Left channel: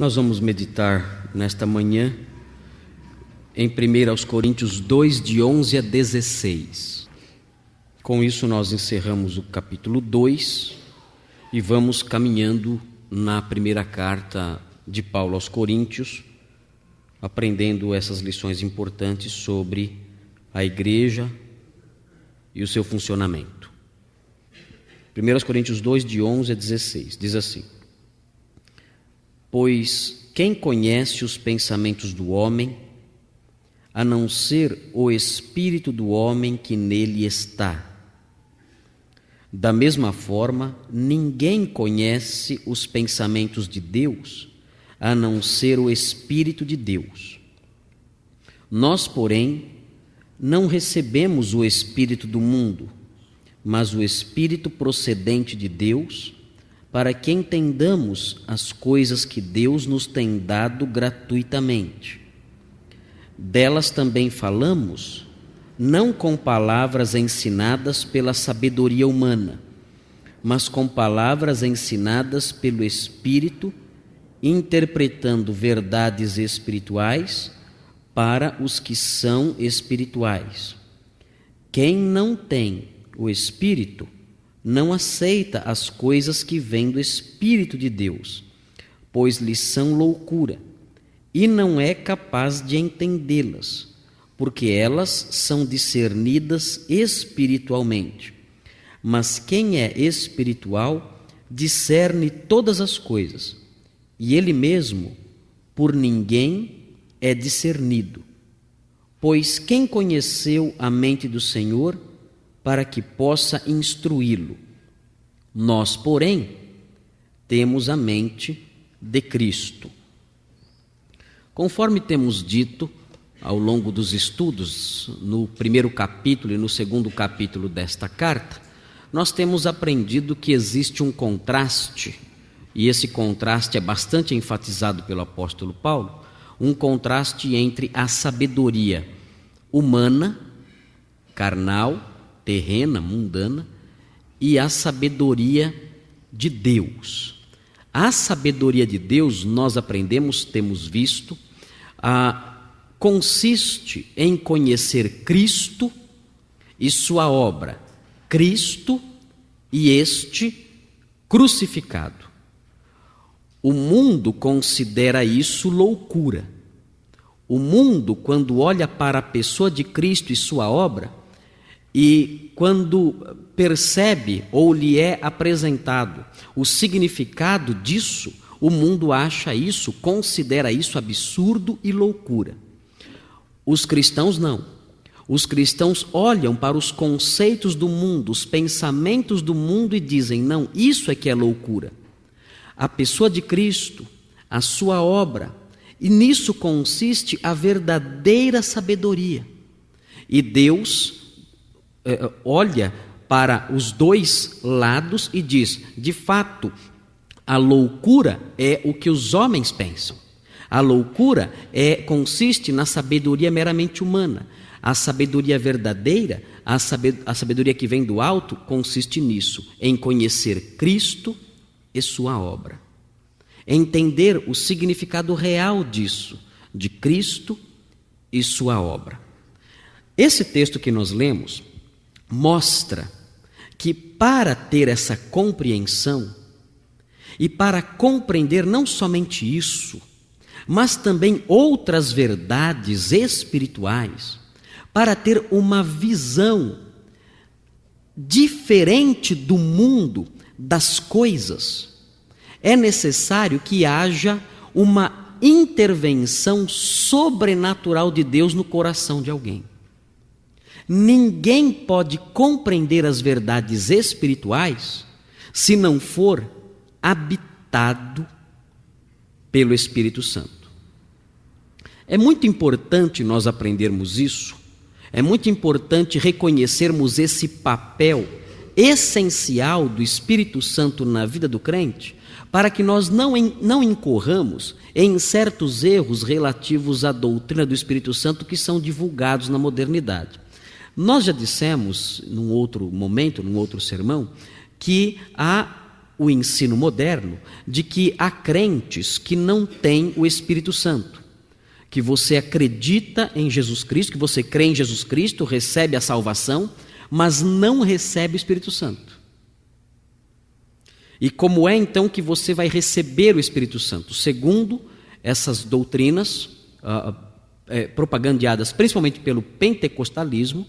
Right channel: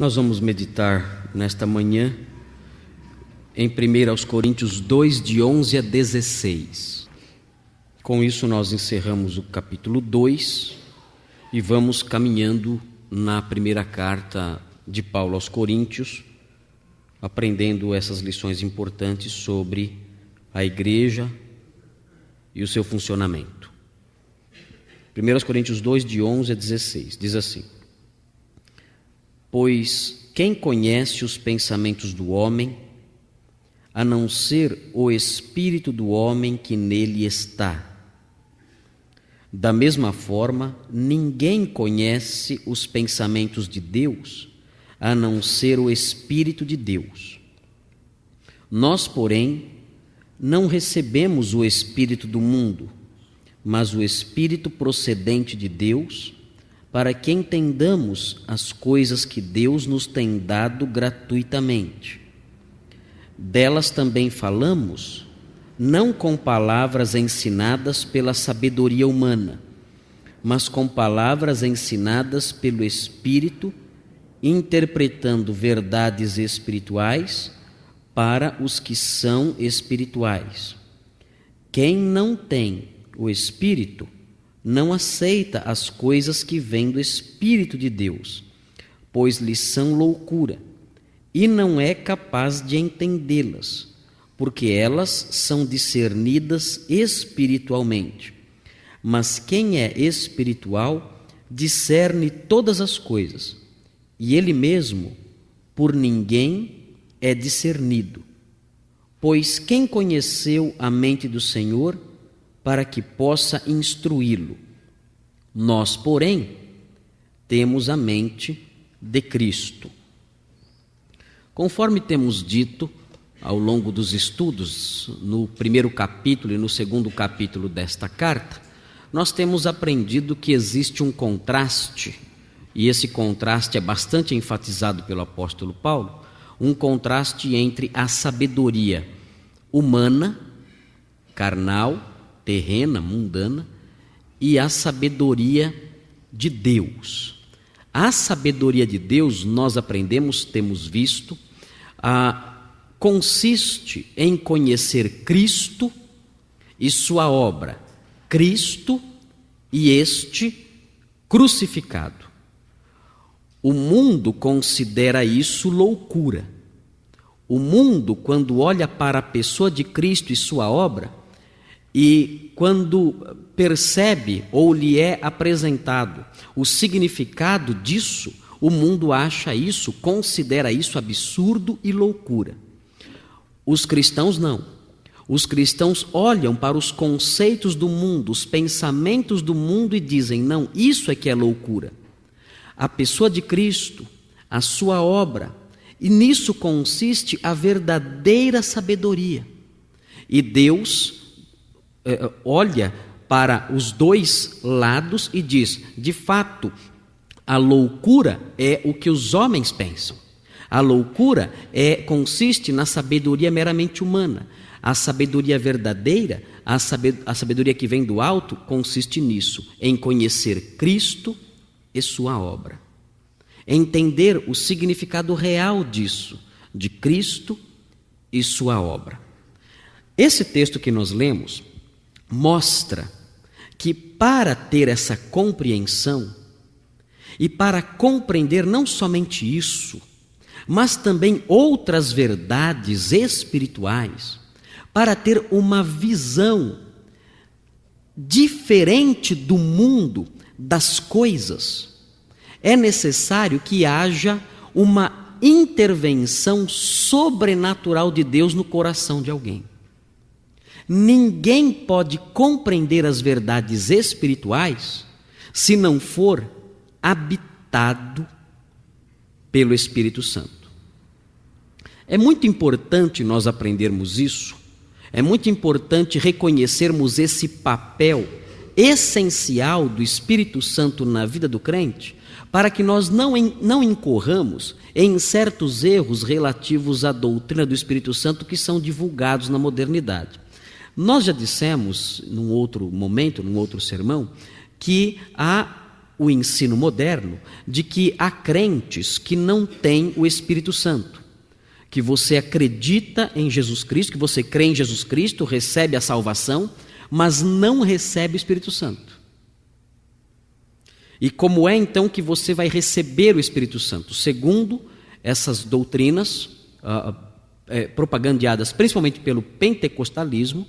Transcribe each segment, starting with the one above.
Nós vamos meditar nesta manhã em 1 Coríntios 2, de 11 a 16. Com isso nós encerramos o capítulo 2 e vamos caminhando na primeira carta de Paulo aos Coríntios, aprendendo essas lições importantes sobre a igreja e o seu funcionamento. 1 Coríntios 2, de 11 a 16, diz assim: Pois quem conhece os pensamentos do homem, a não ser o espírito do homem que nele está? Da mesma forma, ninguém conhece os pensamentos de Deus, a não ser o Espírito de Deus. Nós, porém, não recebemos o Espírito do mundo, mas o Espírito procedente de Deus, para que entendamos as coisas que Deus nos tem dado gratuitamente. Delas também falamos, não com palavras ensinadas pela sabedoria humana, mas com palavras ensinadas pelo Espírito, interpretando verdades espirituais para os que são espirituais. Quem não tem o Espírito não aceita as coisas que vêm do Espírito de Deus, pois lhes são loucura, e não é capaz de entendê-las, porque elas são discernidas espiritualmente. Mas quem é espiritual discerne todas as coisas, e ele mesmo por ninguém é discernido. Pois quem conheceu a mente do Senhor para que possa instruí-lo? Nós, porém, temos a mente de Cristo. Conforme temos dito ao longo dos estudos, no primeiro capítulo e no segundo capítulo desta carta, nós temos aprendido que existe um contraste, e esse contraste é bastante enfatizado pelo apóstolo Paulo, um contraste entre a sabedoria humana, carnal, terrena, mundana, e a sabedoria de Deus. A sabedoria de Deus, nós aprendemos, temos visto, consiste em conhecer Cristo e sua obra, Cristo e este crucificado. O mundo considera isso loucura. O mundo, quando olha para a pessoa de Cristo e sua obra, e quando percebe ou lhe é apresentado o significado disso, o mundo acha isso, considera isso absurdo e loucura. Os cristãos não. Os cristãos olham para os conceitos do mundo, os pensamentos do mundo e dizem: não, isso é que é loucura. A pessoa de Cristo, a sua obra, e nisso consiste a verdadeira sabedoria. E Deus olha para os dois lados e diz: de fato, a loucura é o que os homens pensam. A loucura consiste na sabedoria meramente humana. A sabedoria verdadeira, a sabedoria que vem do alto, consiste nisso, em conhecer Cristo e sua obra. Entender o significado real disso, de Cristo e sua obra. Esse texto que nós lemos mostra que para ter essa compreensão e para compreender não somente isso, mas também outras verdades espirituais, para ter uma visão diferente do mundo, das coisas, é necessário que haja uma intervenção sobrenatural de Deus no coração de alguém. Ninguém pode compreender as verdades espirituais se não for habitado pelo Espírito Santo. É muito importante nós aprendermos isso, é muito importante reconhecermos esse papel essencial do Espírito Santo na vida do crente, para que nós não incorramos em certos erros relativos à doutrina do Espírito Santo que são divulgados na modernidade. Nós já dissemos, num outro momento, num outro sermão, que há o ensino moderno de que há crentes que não têm o Espírito Santo, que você acredita em Jesus Cristo, que você crê em Jesus Cristo, recebe a salvação, mas não recebe o Espírito Santo. E como é então que você vai receber o Espírito Santo? Segundo essas doutrinas propagandeadas principalmente pelo pentecostalismo,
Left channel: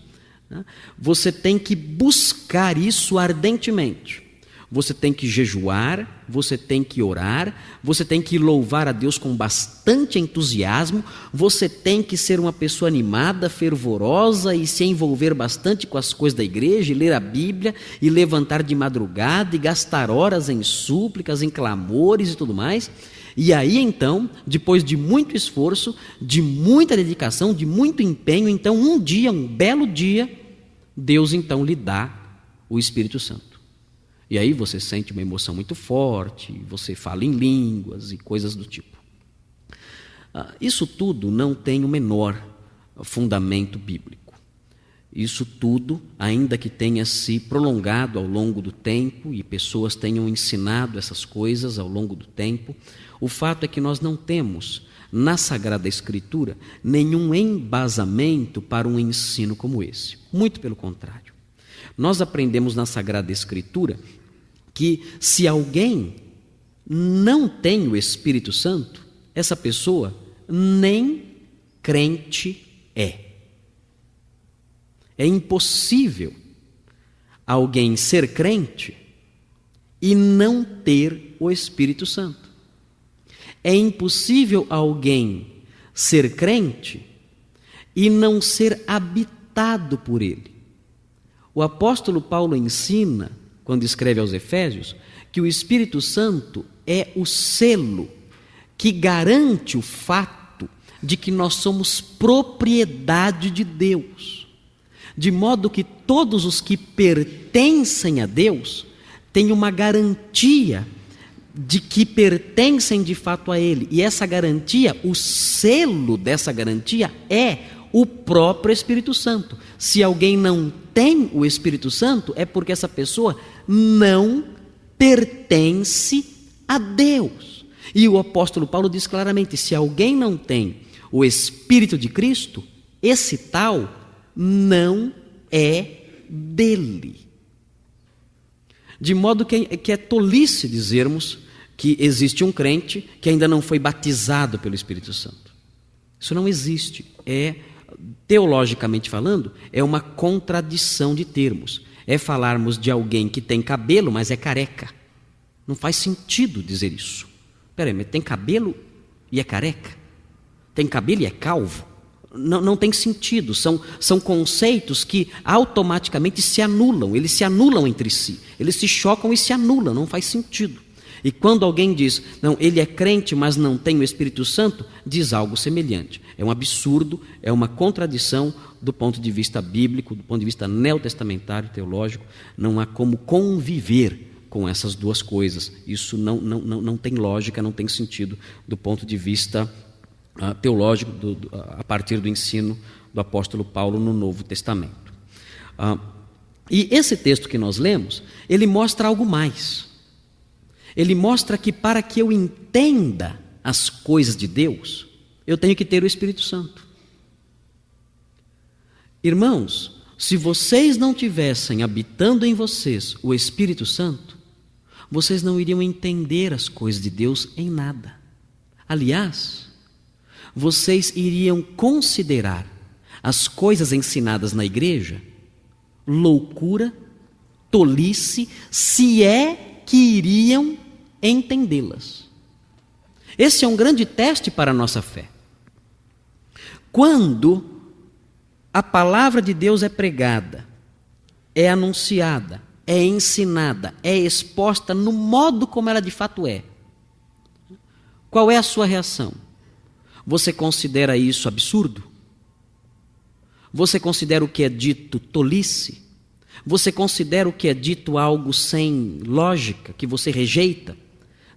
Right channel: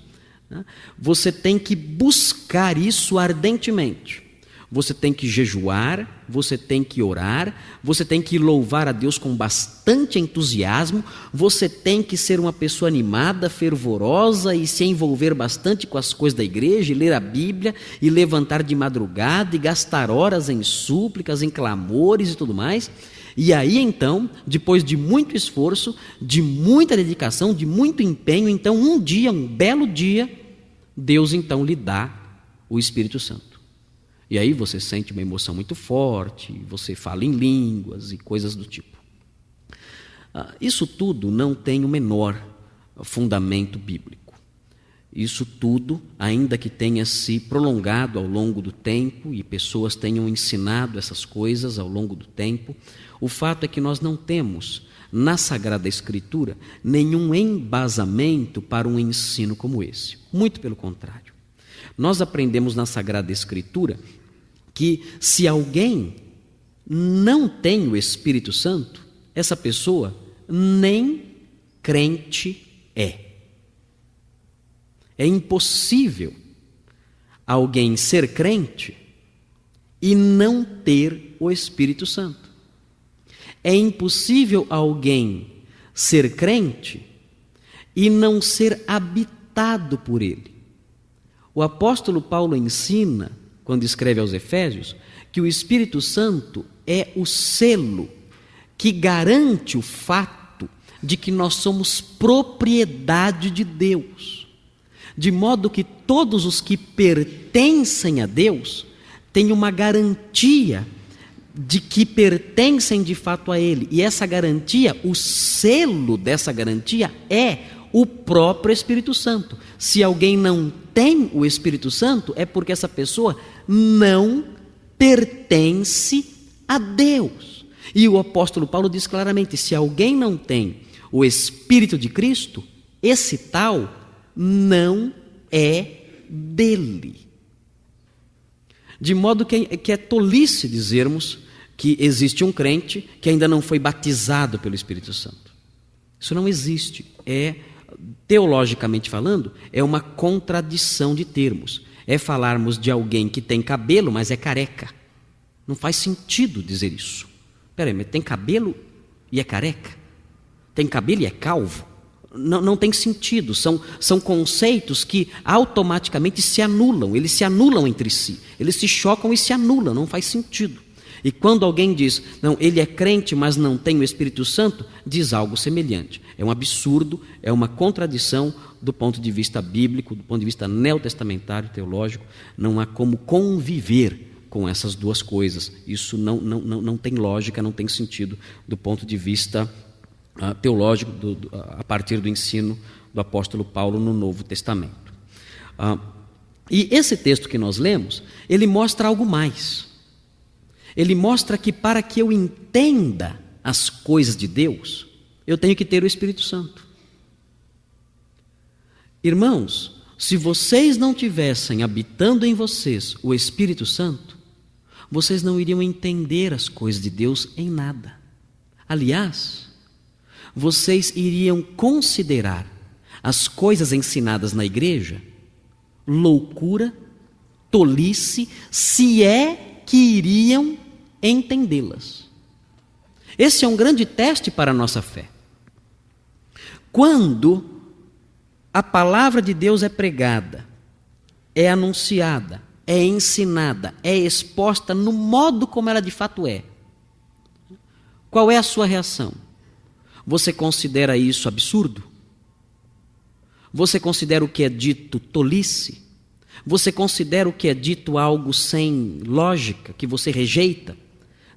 você tem que buscar isso ardentemente. Você tem que jejuar, você tem que orar, você tem que louvar a Deus com bastante entusiasmo, você tem que ser uma pessoa animada, fervorosa e se envolver bastante com as coisas da igreja, e ler a Bíblia, e levantar de madrugada, e gastar horas em súplicas, em clamores e tudo mais. E aí então, depois de muito esforço, de muita dedicação, de muito empenho, então um dia, um belo dia, Deus então lhe dá o Espírito Santo. E aí você sente uma emoção muito forte, você fala em línguas e coisas do tipo. Isso tudo não tem o menor fundamento bíblico. Isso tudo, ainda que tenha se prolongado ao longo do tempo e pessoas tenham ensinado essas coisas ao longo do tempo, o fato é que nós não temos na Sagrada Escritura nenhum embasamento para um ensino como esse. Muito pelo contrário. Nós aprendemos na Sagrada Escritura que se alguém não tem o Espírito Santo, essa pessoa nem crente é. É impossível alguém ser crente e não ter o Espírito Santo. É impossível alguém ser crente e não ser habitado por ele. O apóstolo Paulo ensina, quando escreve aos Efésios, que o Espírito Santo é o selo que garante o fato de que nós somos propriedade de Deus, de modo que todos os que pertencem a Deus têm uma garantia de que pertencem de fato a Ele, e essa garantia, o selo dessa garantia é o próprio Espírito Santo. Se alguém não tem o Espírito Santo, é porque essa pessoa não pertence a Deus. E o apóstolo Paulo diz claramente: se alguém não tem o Espírito de Cristo, esse tal não é dele. De modo que é tolice dizermos que existe um crente que ainda não foi batizado pelo Espírito Santo. Isso não existe. Teologicamente falando, é uma contradição de termos. É falarmos de alguém que tem cabelo, mas é careca. Não faz sentido dizer isso. Peraí, mas tem cabelo e é careca? Tem cabelo e é calvo? Não tem sentido. São conceitos que automaticamente se anulam. Eles se anulam entre si. Eles se chocam e se anulam. Não faz sentido. E quando alguém diz, não, ele é crente, mas não tem o Espírito Santo, diz algo semelhante. É um absurdo, é uma contradição do ponto de vista bíblico, do ponto de vista neotestamentário, teológico. Não há como conviver com essas duas coisas. Isso não tem lógica, não tem sentido do ponto de vista teológico, a partir do ensino do apóstolo Paulo no Novo Testamento. E esse texto que nós lemos, ele mostra algo mais. Ele mostra que para que eu entenda as coisas de Deus, eu tenho que ter o Espírito Santo. Irmãos, se vocês não tivessem habitando em vocês o Espírito Santo, vocês não iriam entender as coisas de Deus em nada. Aliás, vocês iriam considerar as coisas ensinadas na igreja loucura, tolice, se é que iriam entendê-las. Esse é um grande teste para a nossa fé. Quando a palavra de Deus é pregada, é anunciada, é ensinada, é exposta no modo como ela de fato é, qual é a sua reação? Você considera isso absurdo? Você considera o que é dito tolice? Você considera o que é dito algo sem lógica, que você rejeita?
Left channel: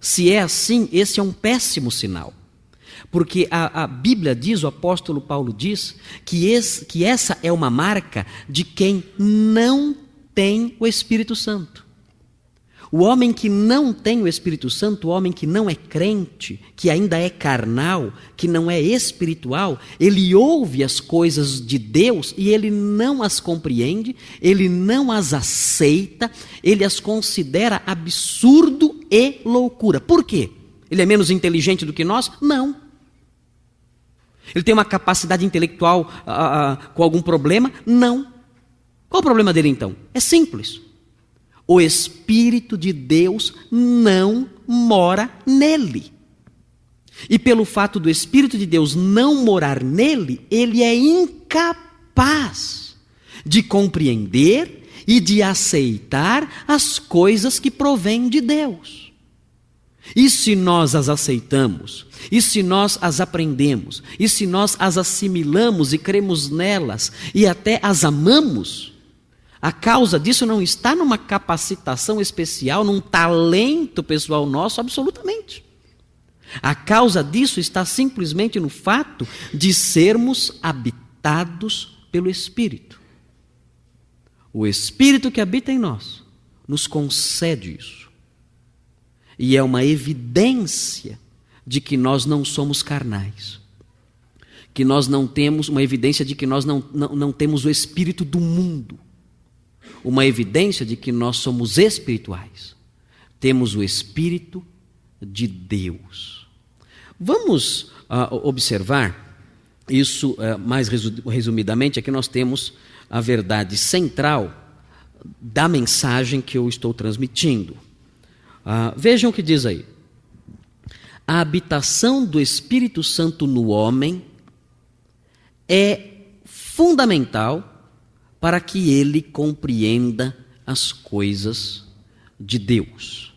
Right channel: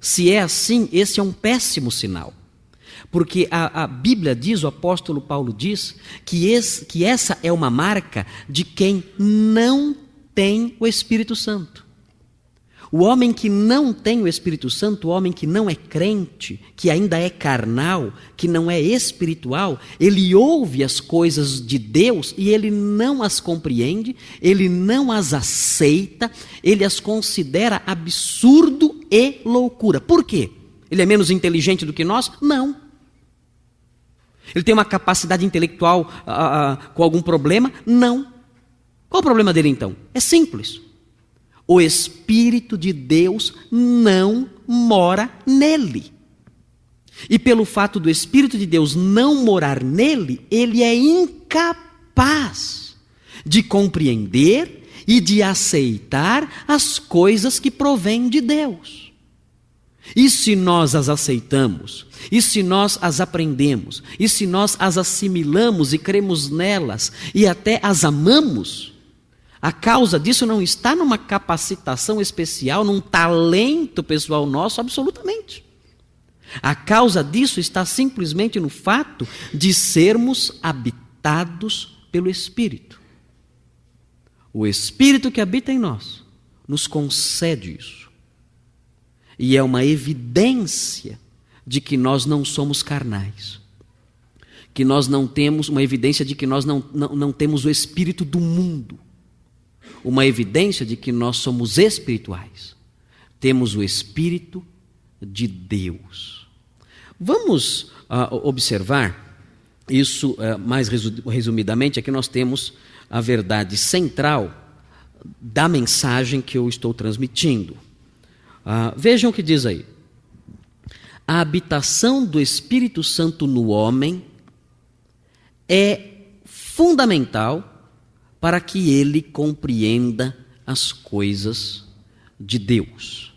Se é assim, esse é um péssimo sinal. Porque a Bíblia diz, o apóstolo Paulo diz, que essa é uma marca de quem não tem o Espírito Santo. O homem que não tem o Espírito Santo, o homem que não é crente, que ainda é carnal, que não é espiritual, ele ouve as coisas de Deus e ele não as compreende, ele não as aceita, ele as considera absurdo e loucura. Por quê? Ele é menos inteligente do que nós? Não. Ele tem uma capacidade intelectual com algum problema? Não. Qual o problema dele então? É simples. O Espírito de Deus não mora nele. E pelo fato do Espírito de Deus não morar nele, ele é incapaz de compreender e de aceitar as coisas que provêm de Deus. E se nós as aceitamos, e se nós as aprendemos, e se nós as assimilamos e cremos nelas, e até as amamos, a causa disso não está numa capacitação especial, num talento pessoal nosso, absolutamente. A causa disso está simplesmente no fato de sermos habitados pelo Espírito. O Espírito que habita em nós nos concede isso. E é uma evidência de que nós não somos carnais. Que nós não temos, uma evidência de que nós não temos o espírito do mundo. Uma evidência de que nós somos espirituais. Temos o Espírito de Deus. Vamos observar isso mais resumidamente. Aqui nós temos a verdade central da mensagem que eu estou transmitindo. Vejam o que diz aí. A habitação do Espírito Santo no homem é fundamental para que ele compreenda as coisas de Deus.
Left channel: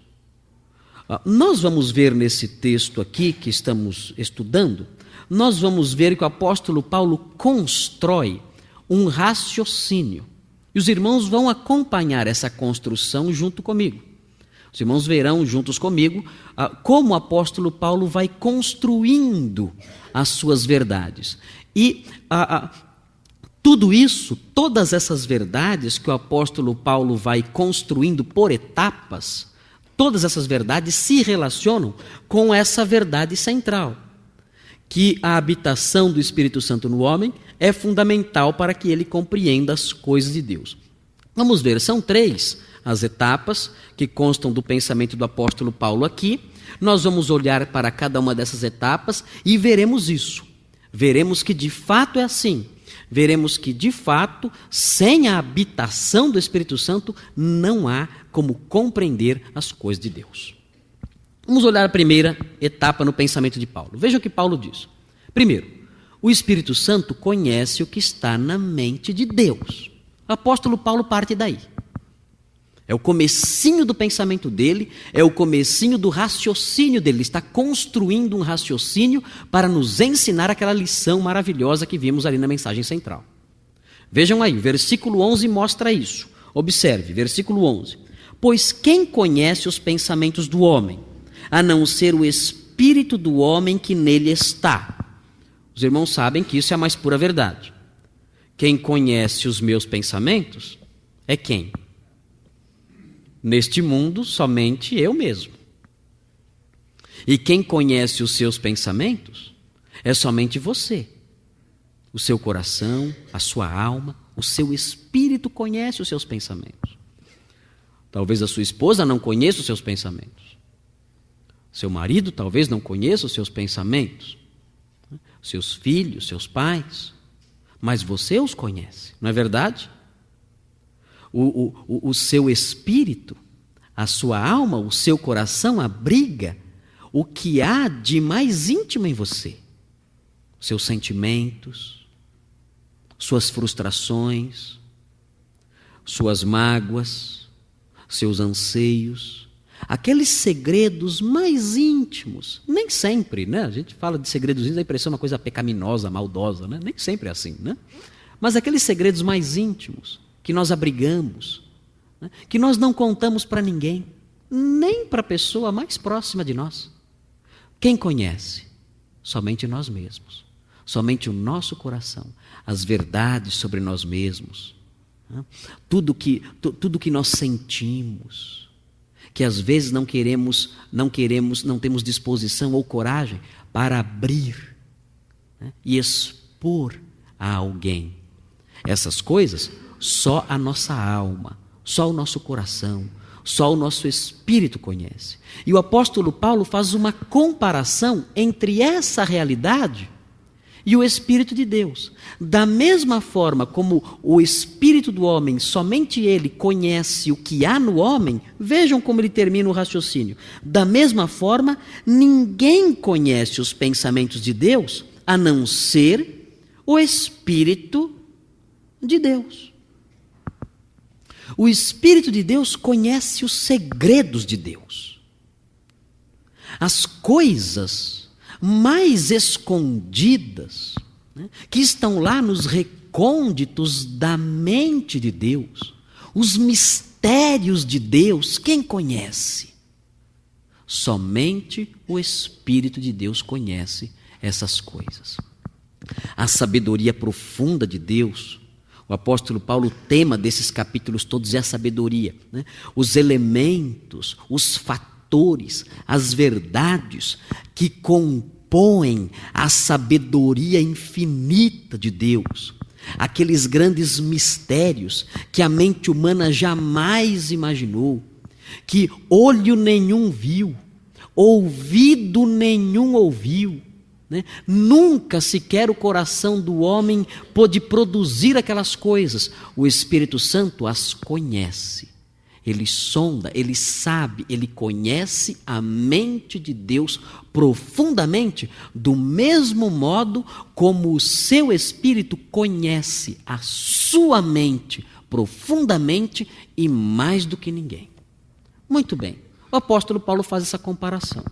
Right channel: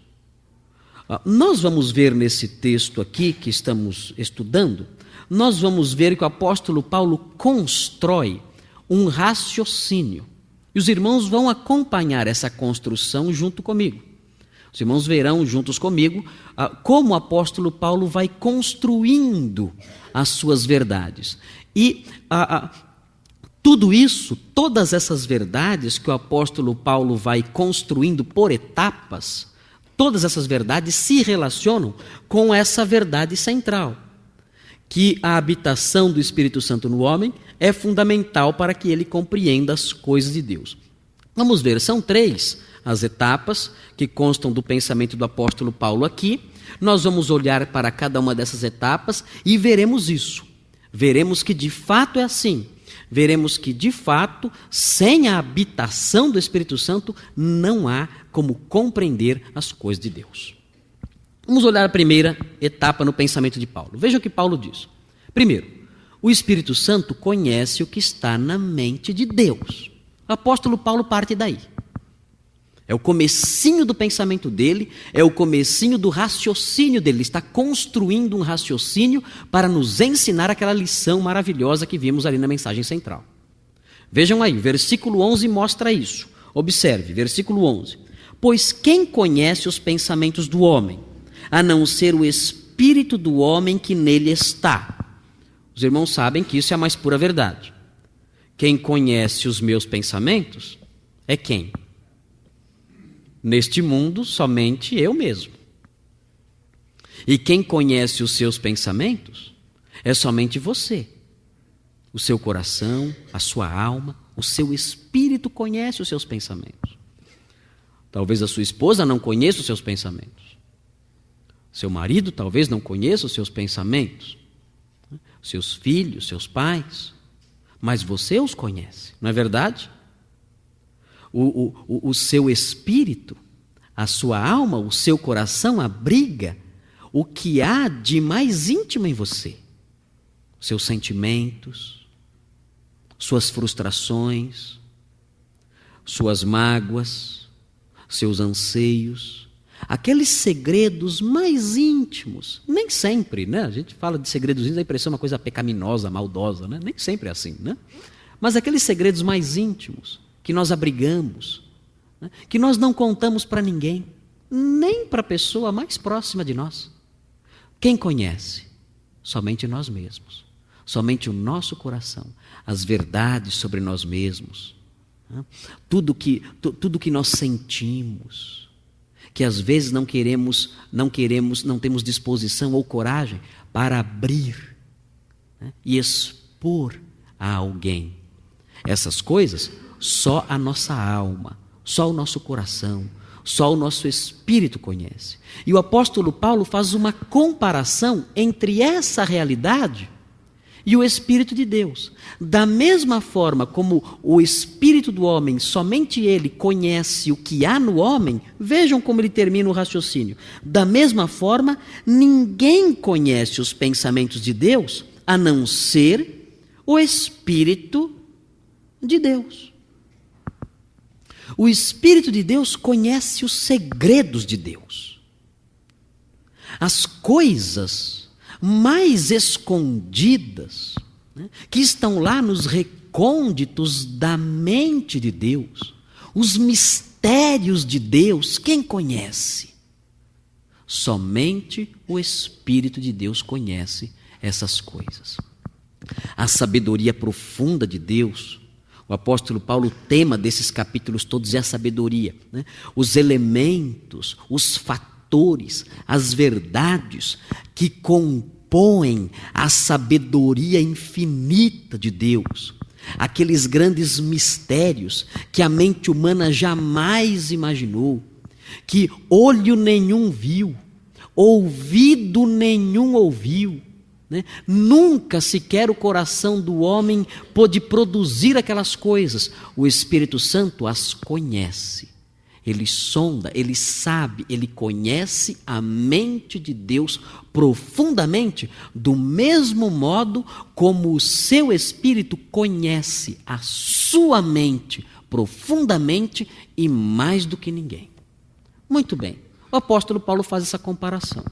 Nós vamos ver nesse texto aqui que estamos estudando, nós vamos ver que o apóstolo Paulo constrói um raciocínio. E os irmãos vão acompanhar essa construção junto comigo. Os irmãos verão juntos comigo como o apóstolo Paulo vai construindo as suas verdades. E tudo isso, todas essas verdades que o apóstolo Paulo vai construindo por etapas, todas essas verdades se relacionam com essa verdade central, que a habitação do Espírito Santo no homem é fundamental para que ele compreenda as coisas de Deus. Vamos ver, são 3 as etapas que constam do pensamento do apóstolo Paulo aqui. Nós vamos olhar para cada uma dessas etapas e veremos isso. Veremos que de fato é assim. Veremos que, de fato, sem a habitação do Espírito Santo, não há como compreender as coisas de Deus. Vamos olhar a primeira etapa no pensamento de Paulo. Veja o que Paulo diz. Primeiro, o Espírito Santo conhece o que está na mente de Deus. O apóstolo Paulo parte daí. É o comecinho do pensamento dele, é o comecinho do raciocínio dele. Ele está construindo um raciocínio para nos ensinar aquela lição maravilhosa que vimos ali na mensagem central. Vejam aí, versículo 11 mostra isso. Observe, versículo 11. Pois quem conhece os pensamentos do homem, a não ser o espírito do homem que nele está? Os irmãos sabem que isso é a mais pura verdade. Quem conhece os meus pensamentos é quem? Neste mundo, somente eu mesmo. E quem conhece os seus pensamentos é somente você. O seu coração, a sua alma, o seu espírito conhece os seus pensamentos. Talvez a sua esposa não conheça os seus pensamentos. Seu marido talvez não conheça os seus pensamentos. Seus filhos, seus pais. Mas você os conhece, não é verdade? O seu espírito, a sua alma, o seu coração abriga o que há de mais íntimo em você. Seus sentimentos, suas frustrações, suas mágoas, seus anseios, aqueles segredos mais íntimos. Nem sempre, né? A gente fala de segredos íntimos, a impressão é uma coisa pecaminosa, maldosa, né? Nem sempre é assim, né? Mas aqueles segredos mais íntimos que nós abrigamos, né? Que nós não contamos para ninguém, nem para a pessoa mais próxima de nós. Quem conhece? Somente nós mesmos, somente o nosso coração, as verdades sobre nós mesmos, né? Tudo que nós sentimos. que às vezes não temos disposição ou coragem para abrir, né, e expor a alguém. Essas coisas só a nossa alma, só o nosso coração, só o nosso espírito conhece. E o apóstolo Paulo faz uma comparação entre essa realidade e o Espírito de Deus. Da mesma forma como o Espírito do homem, somente ele conhece o que há no homem, vejam como ele termina o raciocínio. Da mesma forma, ninguém conhece os pensamentos de Deus, a não ser o Espírito de Deus. O Espírito de Deus conhece os segredos de Deus. As coisas mais escondidas, né, que estão lá nos recônditos da mente de Deus, os mistérios de Deus, quem conhece? Somente o Espírito de Deus conhece essas coisas. A sabedoria profunda de Deus, o apóstolo Paulo, o tema desses capítulos todos é a sabedoria, né? Os elementos, os fatores, as verdades que compõem a sabedoria infinita de Deus, aqueles grandes mistérios que a mente humana jamais imaginou, que olho nenhum viu, ouvido nenhum ouviu, né? Nunca sequer o coração do homem pôde produzir aquelas coisas. O Espírito Santo as conhece. Ele sonda, ele sabe, ele conhece a mente de Deus profundamente, do mesmo modo como o seu Espírito conhece a sua mente profundamente e mais do que ninguém. Muito bem, o apóstolo Paulo faz essa comparação.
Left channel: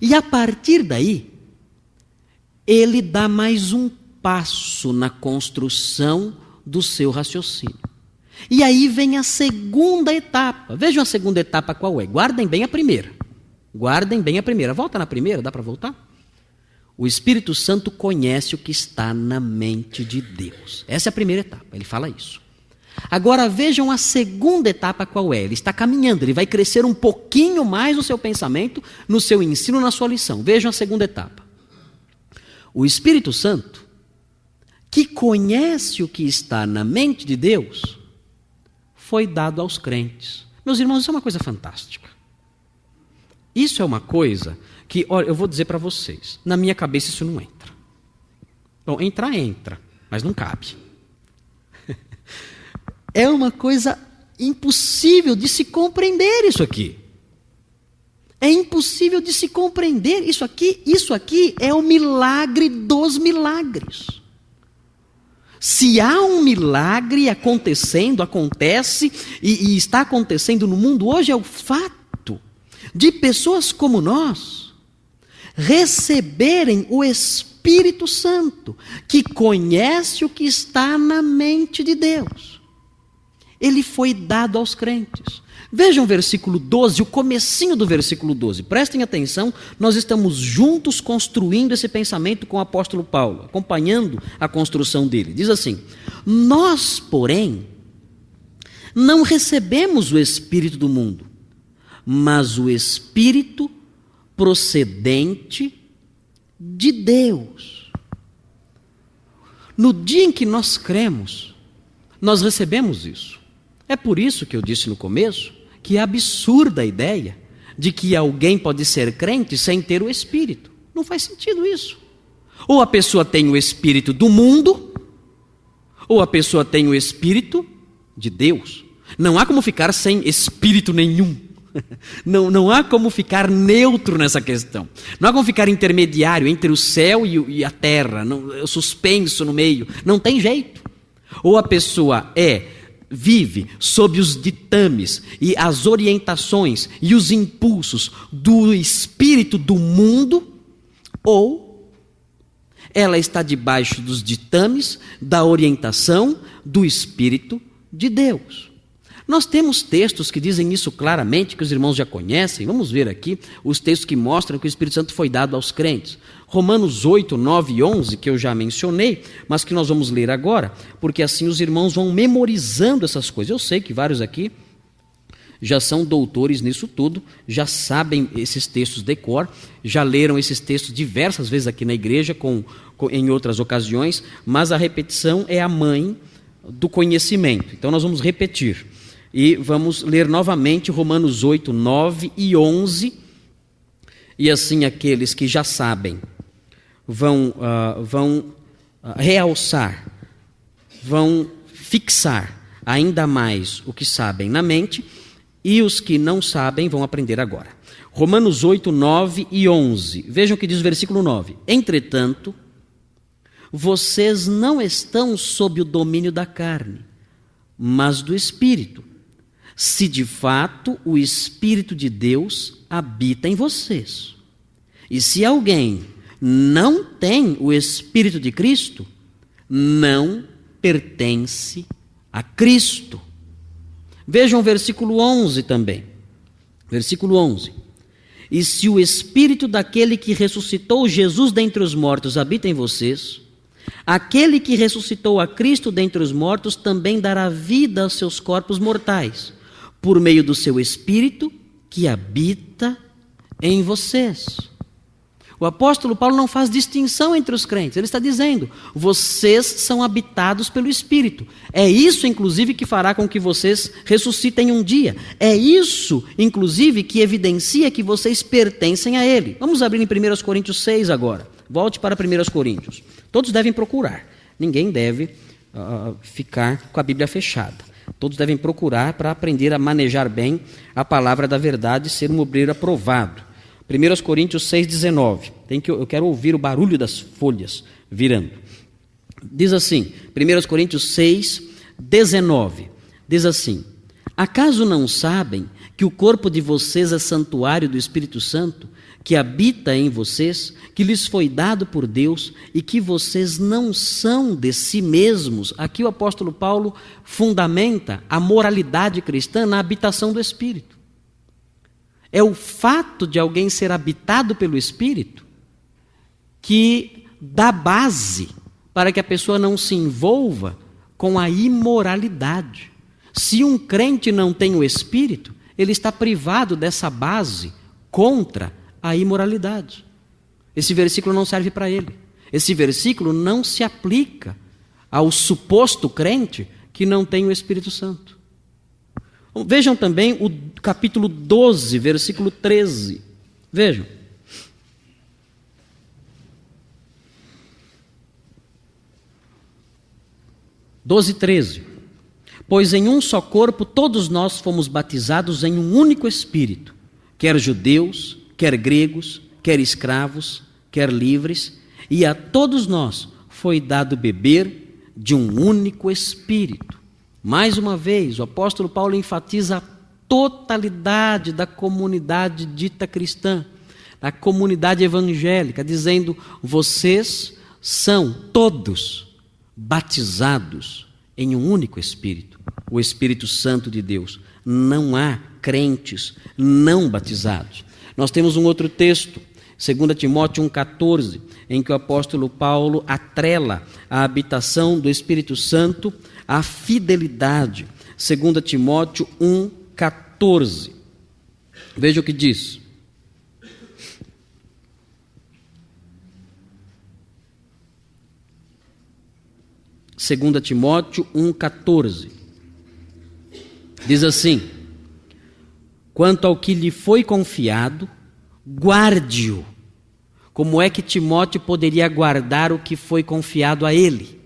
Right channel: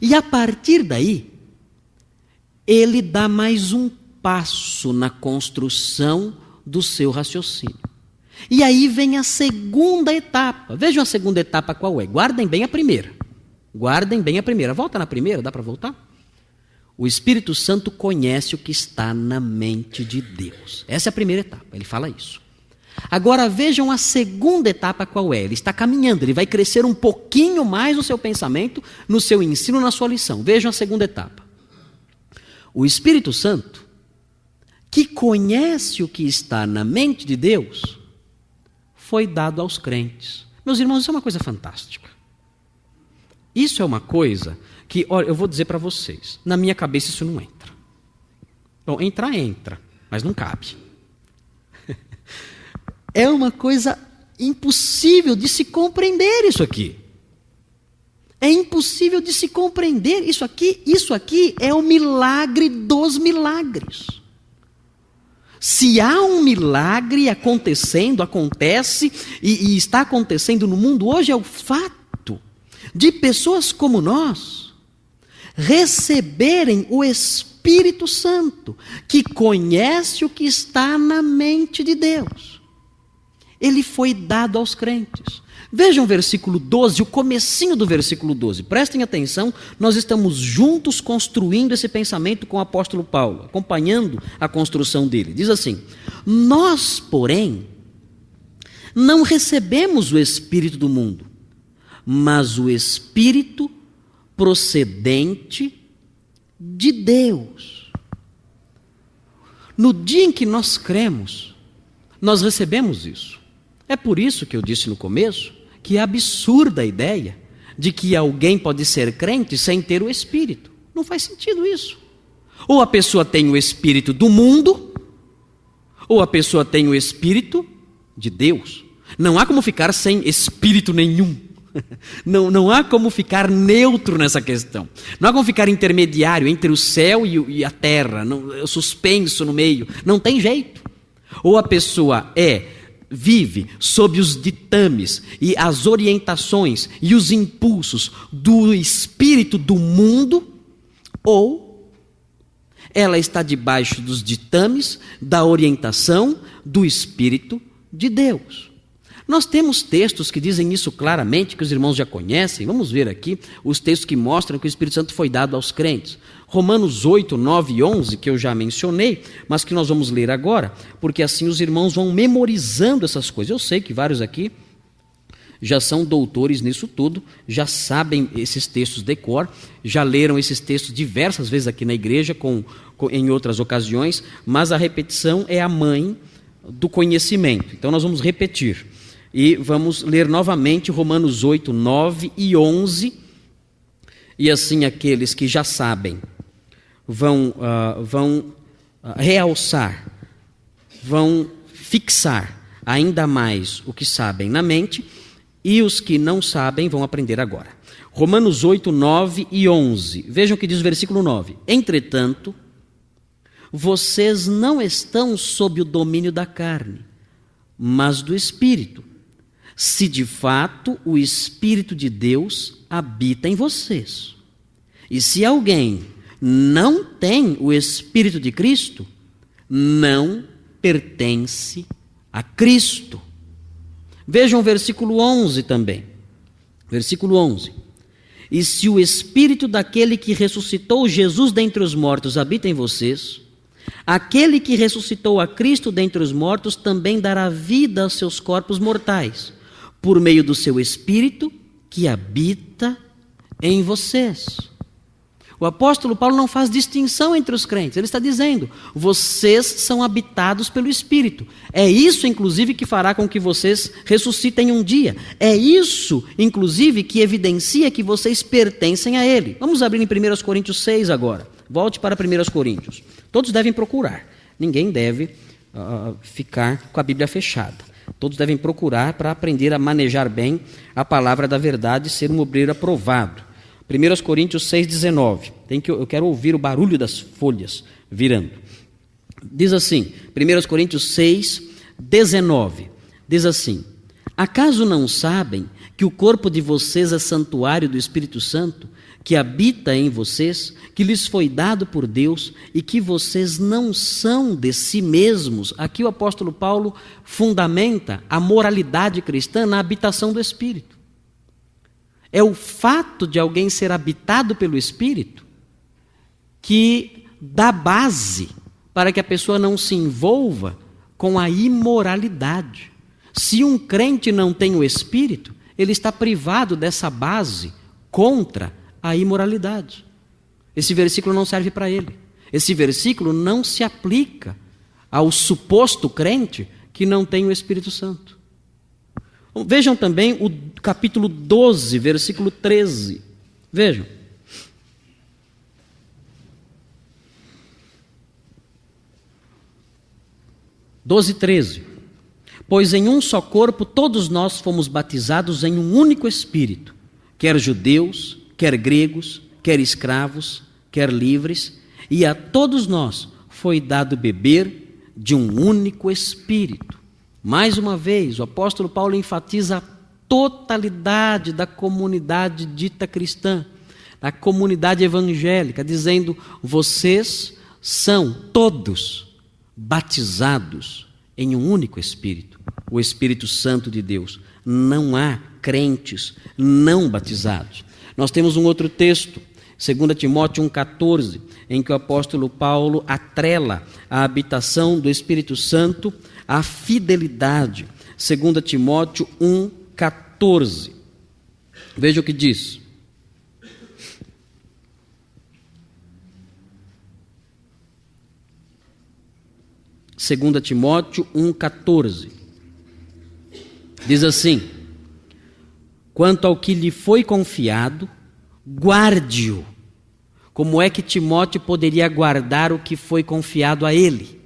E a partir daí, ele dá mais um passo na construção do seu raciocínio. E aí vem a segunda etapa. Vejam a segunda etapa qual é. Guardem bem a primeira. Guardem bem a primeira. Volta na primeira, dá para voltar? O Espírito Santo conhece o que está na mente de Deus. Essa é a primeira etapa, ele fala isso. Agora vejam a segunda etapa qual é. Ele está caminhando, ele vai crescer um pouquinho mais no seu pensamento, no seu ensino, na sua lição. Vejam a segunda etapa. O Espírito Santo, que conhece o que está na mente de Deus, foi dado aos crentes. Meus irmãos, isso é uma coisa fantástica. Isso é uma coisa que, olha, eu vou dizer para vocês, na minha cabeça isso não entra. Bom, entra, mas não cabe. É uma coisa impossível de se compreender isso aqui. É impossível de se compreender isso aqui é o milagre dos milagres. Se há um milagre acontece e está acontecendo no mundo hoje, é o fato de pessoas como nós receberem o Espírito Santo, que conhece o que está na mente de Deus. Ele foi dado aos crentes. Vejam o versículo 12, o comecinho do versículo 12. Prestem atenção, nós estamos juntos construindo esse pensamento com o apóstolo Paulo, acompanhando a construção dele. Diz assim: nós, porém, não recebemos o Espírito do mundo, mas o Espírito procedente de Deus. No dia em que nós cremos, nós recebemos isso. É por isso que eu disse no começo que é absurda a ideia de que alguém pode ser crente sem ter o Espírito. Não faz sentido isso. Ou a pessoa tem o Espírito do mundo, ou a pessoa tem o Espírito de Deus. Não há como ficar sem Espírito nenhum. Não há como ficar neutro nessa questão. Não há como ficar intermediário entre o céu e a terra, suspenso no meio. Não tem jeito. Ou a pessoa vive sob os ditames e as orientações e os impulsos do espírito do mundo, ou ela está debaixo dos ditames da orientação do Espírito de Deus. Nós temos textos que dizem isso claramente, que os irmãos já conhecem. Vamos ver aqui os textos que mostram que o Espírito Santo foi dado aos crentes. Romanos 8, 9 e 11, que eu já mencionei, mas que nós vamos ler agora, porque assim os irmãos vão memorizando essas coisas. Eu sei que vários aqui já são doutores nisso tudo, já sabem esses textos de cor, já leram esses textos diversas vezes aqui na igreja, em outras ocasiões, mas a repetição é a mãe do conhecimento. Então nós vamos repetir e vamos ler novamente Romanos 8, 9 e 11, e assim aqueles que já sabem vão realçar, vão fixar ainda mais o que sabem na mente, e os que não sabem vão aprender agora. Romanos 8, 9 e 11. Vejam o que diz o versículo 9. Entretanto, vocês não estão sob o domínio da carne, mas do Espírito, se de fato o Espírito de Deus habita em vocês. E se alguém não tem o Espírito de Cristo, não pertence a Cristo. Vejam o versículo 11 também. Versículo 11. E se o Espírito daquele que ressuscitou Jesus dentre os mortos habita em vocês, aquele que ressuscitou a Cristo dentre os mortos também dará vida aos seus corpos mortais, por meio do seu Espírito que habita em vocês. O apóstolo Paulo não faz distinção entre os crentes. Ele está dizendo, vocês são habitados pelo Espírito. É isso, inclusive, que fará com que vocês ressuscitem um dia. É isso, inclusive, que evidencia que vocês pertencem a Ele. Vamos abrir em 1 Coríntios 6 agora. Volte para 1 Coríntios. Todos devem procurar. Ninguém deve ficar com a Bíblia fechada. Todos devem procurar para aprender a manejar bem a palavra da verdade e ser um obreiro aprovado. 1 Coríntios 6, 19. Eu quero ouvir o barulho das folhas virando. Diz assim, 1 Coríntios 6, 19. Diz assim: acaso não sabem que o corpo de vocês é santuário do Espírito Santo, que habita em vocês, que lhes foi dado por Deus e que vocês não são de si mesmos? Aqui o apóstolo Paulo fundamenta a moralidade cristã na habitação do Espírito. É o fato de alguém ser habitado pelo Espírito que dá base para que a pessoa não se envolva com a imoralidade. Se um crente não tem o Espírito, ele está privado dessa base contra a imoralidade. Esse versículo não serve para ele. Esse versículo não se aplica ao suposto crente que não tem o Espírito Santo. Vejam também o capítulo 12, versículo 13. Vejam. Doze, 13. Pois em um só corpo todos nós fomos batizados em um único Espírito, quer judeus, quer gregos, quer escravos, quer livres, e a todos nós foi dado beber de um único Espírito. Mais uma vez, o apóstolo Paulo enfatiza a totalidade da comunidade dita cristã, da comunidade evangélica, dizendo, vocês são todos batizados em um único Espírito, o Espírito Santo de Deus. Não há crentes não batizados. Nós temos um outro texto, 2 Timóteo 1,14, em que o apóstolo Paulo atrela a habitação do Espírito Santo à fidelidade. 2 Timóteo 1,14. Veja o que diz. Segunda Timóteo 1,14. Diz assim: quanto ao que lhe foi confiado, guarde-o. Como é que Timóteo poderia guardar o que foi confiado a ele?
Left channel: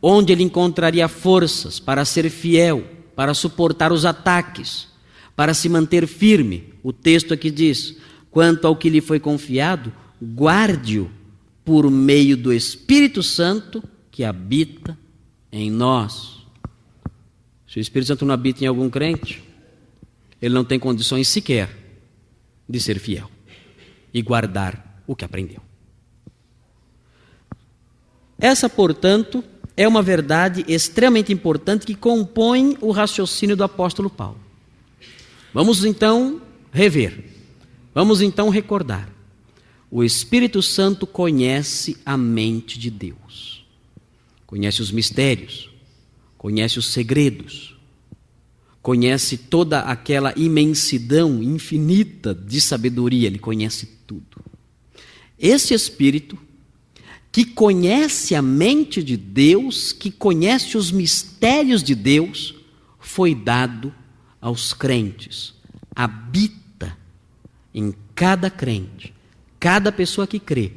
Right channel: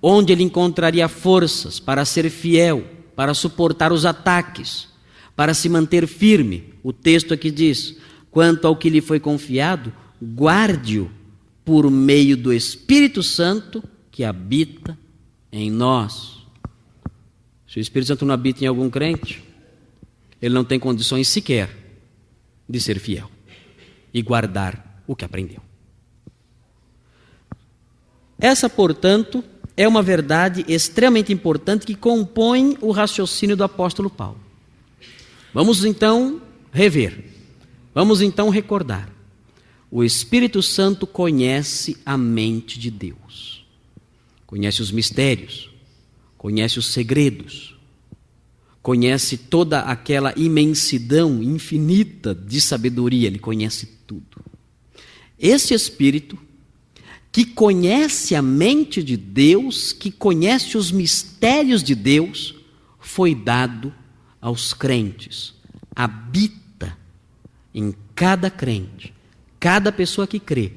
Onde ele encontraria forças para ser fiel, para suportar os ataques, para se manter firme? O texto aqui diz, quanto ao que lhe foi confiado, guarde-o por meio do Espírito Santo que habita em nós. Se o Espírito Santo não habita em algum crente, ele não tem condições sequer de ser fiel e guardar o que aprendeu. Essa, portanto, é uma verdade extremamente importante que compõe o raciocínio do apóstolo Paulo. Vamos então rever, vamos então recordar. O Espírito Santo conhece a mente de Deus, conhece os mistérios, conhece os segredos, conhece toda aquela imensidão infinita de sabedoria, ele conhece tudo. Esse Espírito, que conhece a mente de Deus, que conhece os mistérios de Deus, foi dado aos crentes, habita em cada crente, cada pessoa que crê,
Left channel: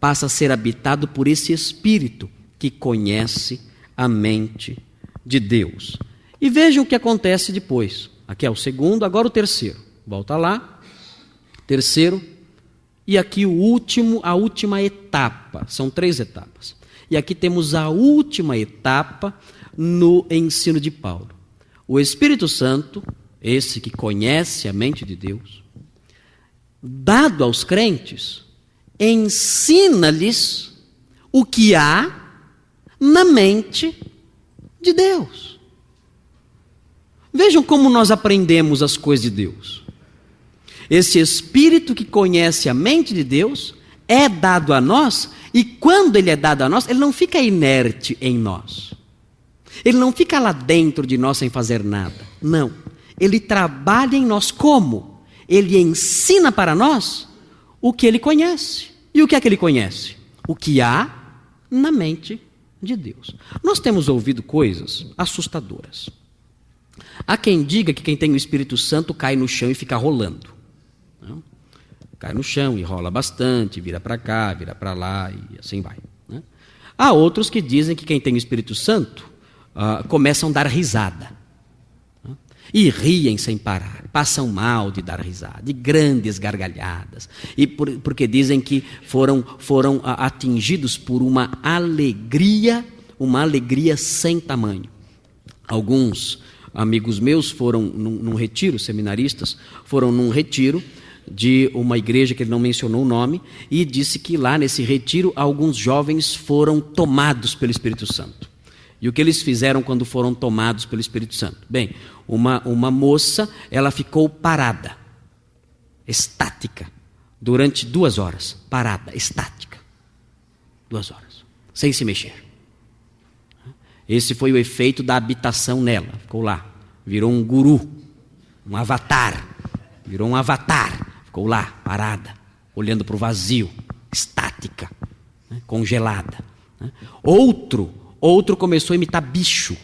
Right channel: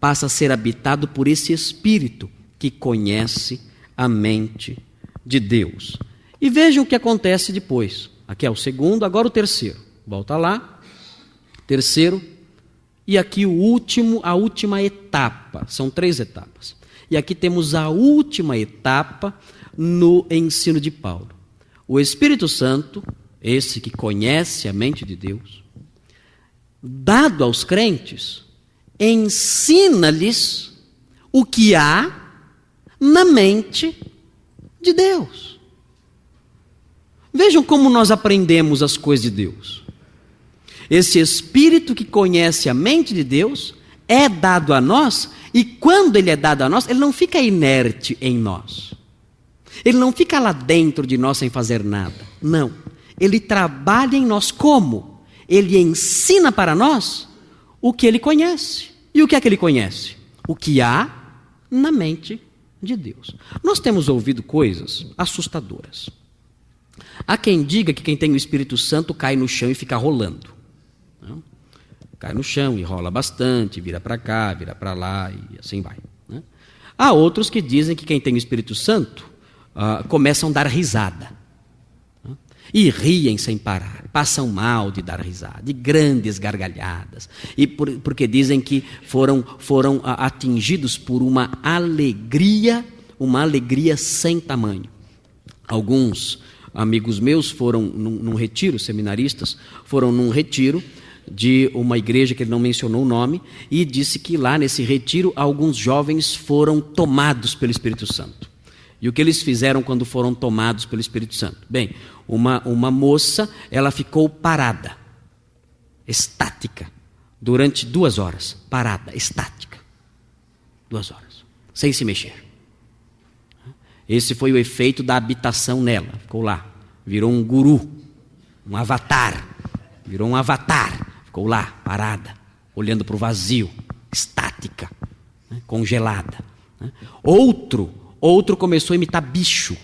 passa a ser habitado por esse Espírito que conhece a mente de Deus. E veja o que acontece depois. Aqui é o segundo, agora o terceiro. Volta lá. Terceiro. E aqui o último, a última etapa. São 3 etapas. E aqui temos a última etapa no ensino de Paulo. O Espírito Santo, esse que conhece a mente de Deus, dado aos crentes, ensina-lhes o que há na mente de Deus. Vejam como nós aprendemos as coisas de Deus. Esse Espírito que conhece a mente de Deus é dado a nós, e quando ele é dado a nós, ele não fica inerte em nós. Ele não fica lá dentro de nós sem fazer nada. Não. Ele trabalha em nós como? Ele ensina para nós o que ele conhece. E o que é que ele conhece? O que há na mente de Deus. Nós temos ouvido coisas assustadoras. Há quem diga que quem tem o Espírito Santo cai no chão e fica rolando. Não? Cai no chão e rola bastante, vira para cá, vira para lá e assim vai. Né? Há outros que dizem que quem tem o Espírito Santo começam a dar risada. Né? E riem sem parar, passam mal de dar risada, de grandes gargalhadas. E porque dizem que foram atingidos por uma alegria sem tamanho. Alguns amigos meus foram num retiro, seminaristas, foram num retiro de uma igreja que ele não mencionou o nome, e disse que lá nesse retiro alguns jovens foram tomados pelo Espírito Santo. E o que eles fizeram quando foram tomados pelo Espírito Santo? Bem, uma moça, ela ficou parada, estática, durante 2 horas, parada, estática, 2 horas, sem se mexer. Esse foi o efeito da habitação nela. Ficou lá, virou um guru, um avatar. Virou um avatar. Ficou lá, parada, olhando para o vazio, estática, né, congelada. Né. Outro começou a imitar bicho.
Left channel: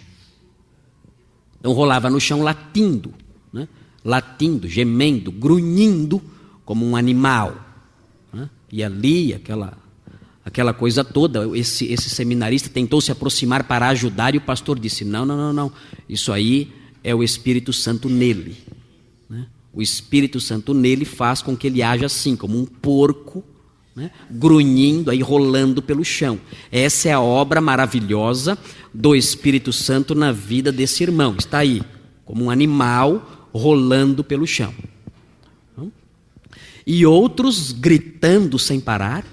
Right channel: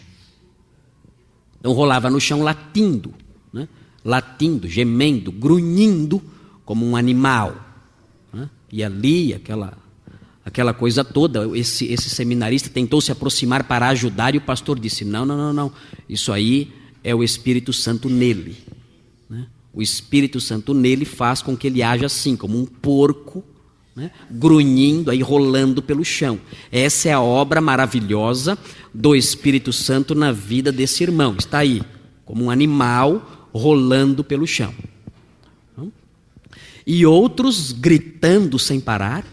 Então rolava no chão latindo, né, latindo, gemendo, grunhindo, como um animal. Né. E ali, aquela coisa toda, esse seminarista tentou se aproximar para ajudar, e o pastor disse, não, isso aí é o Espírito Santo nele. Né? O Espírito Santo nele faz com que ele haja assim, como um porco, né? Grunhindo, aí rolando pelo chão. Essa é a obra maravilhosa do Espírito Santo na vida desse irmão. Está aí, como um animal rolando pelo chão. E outros gritando sem parar,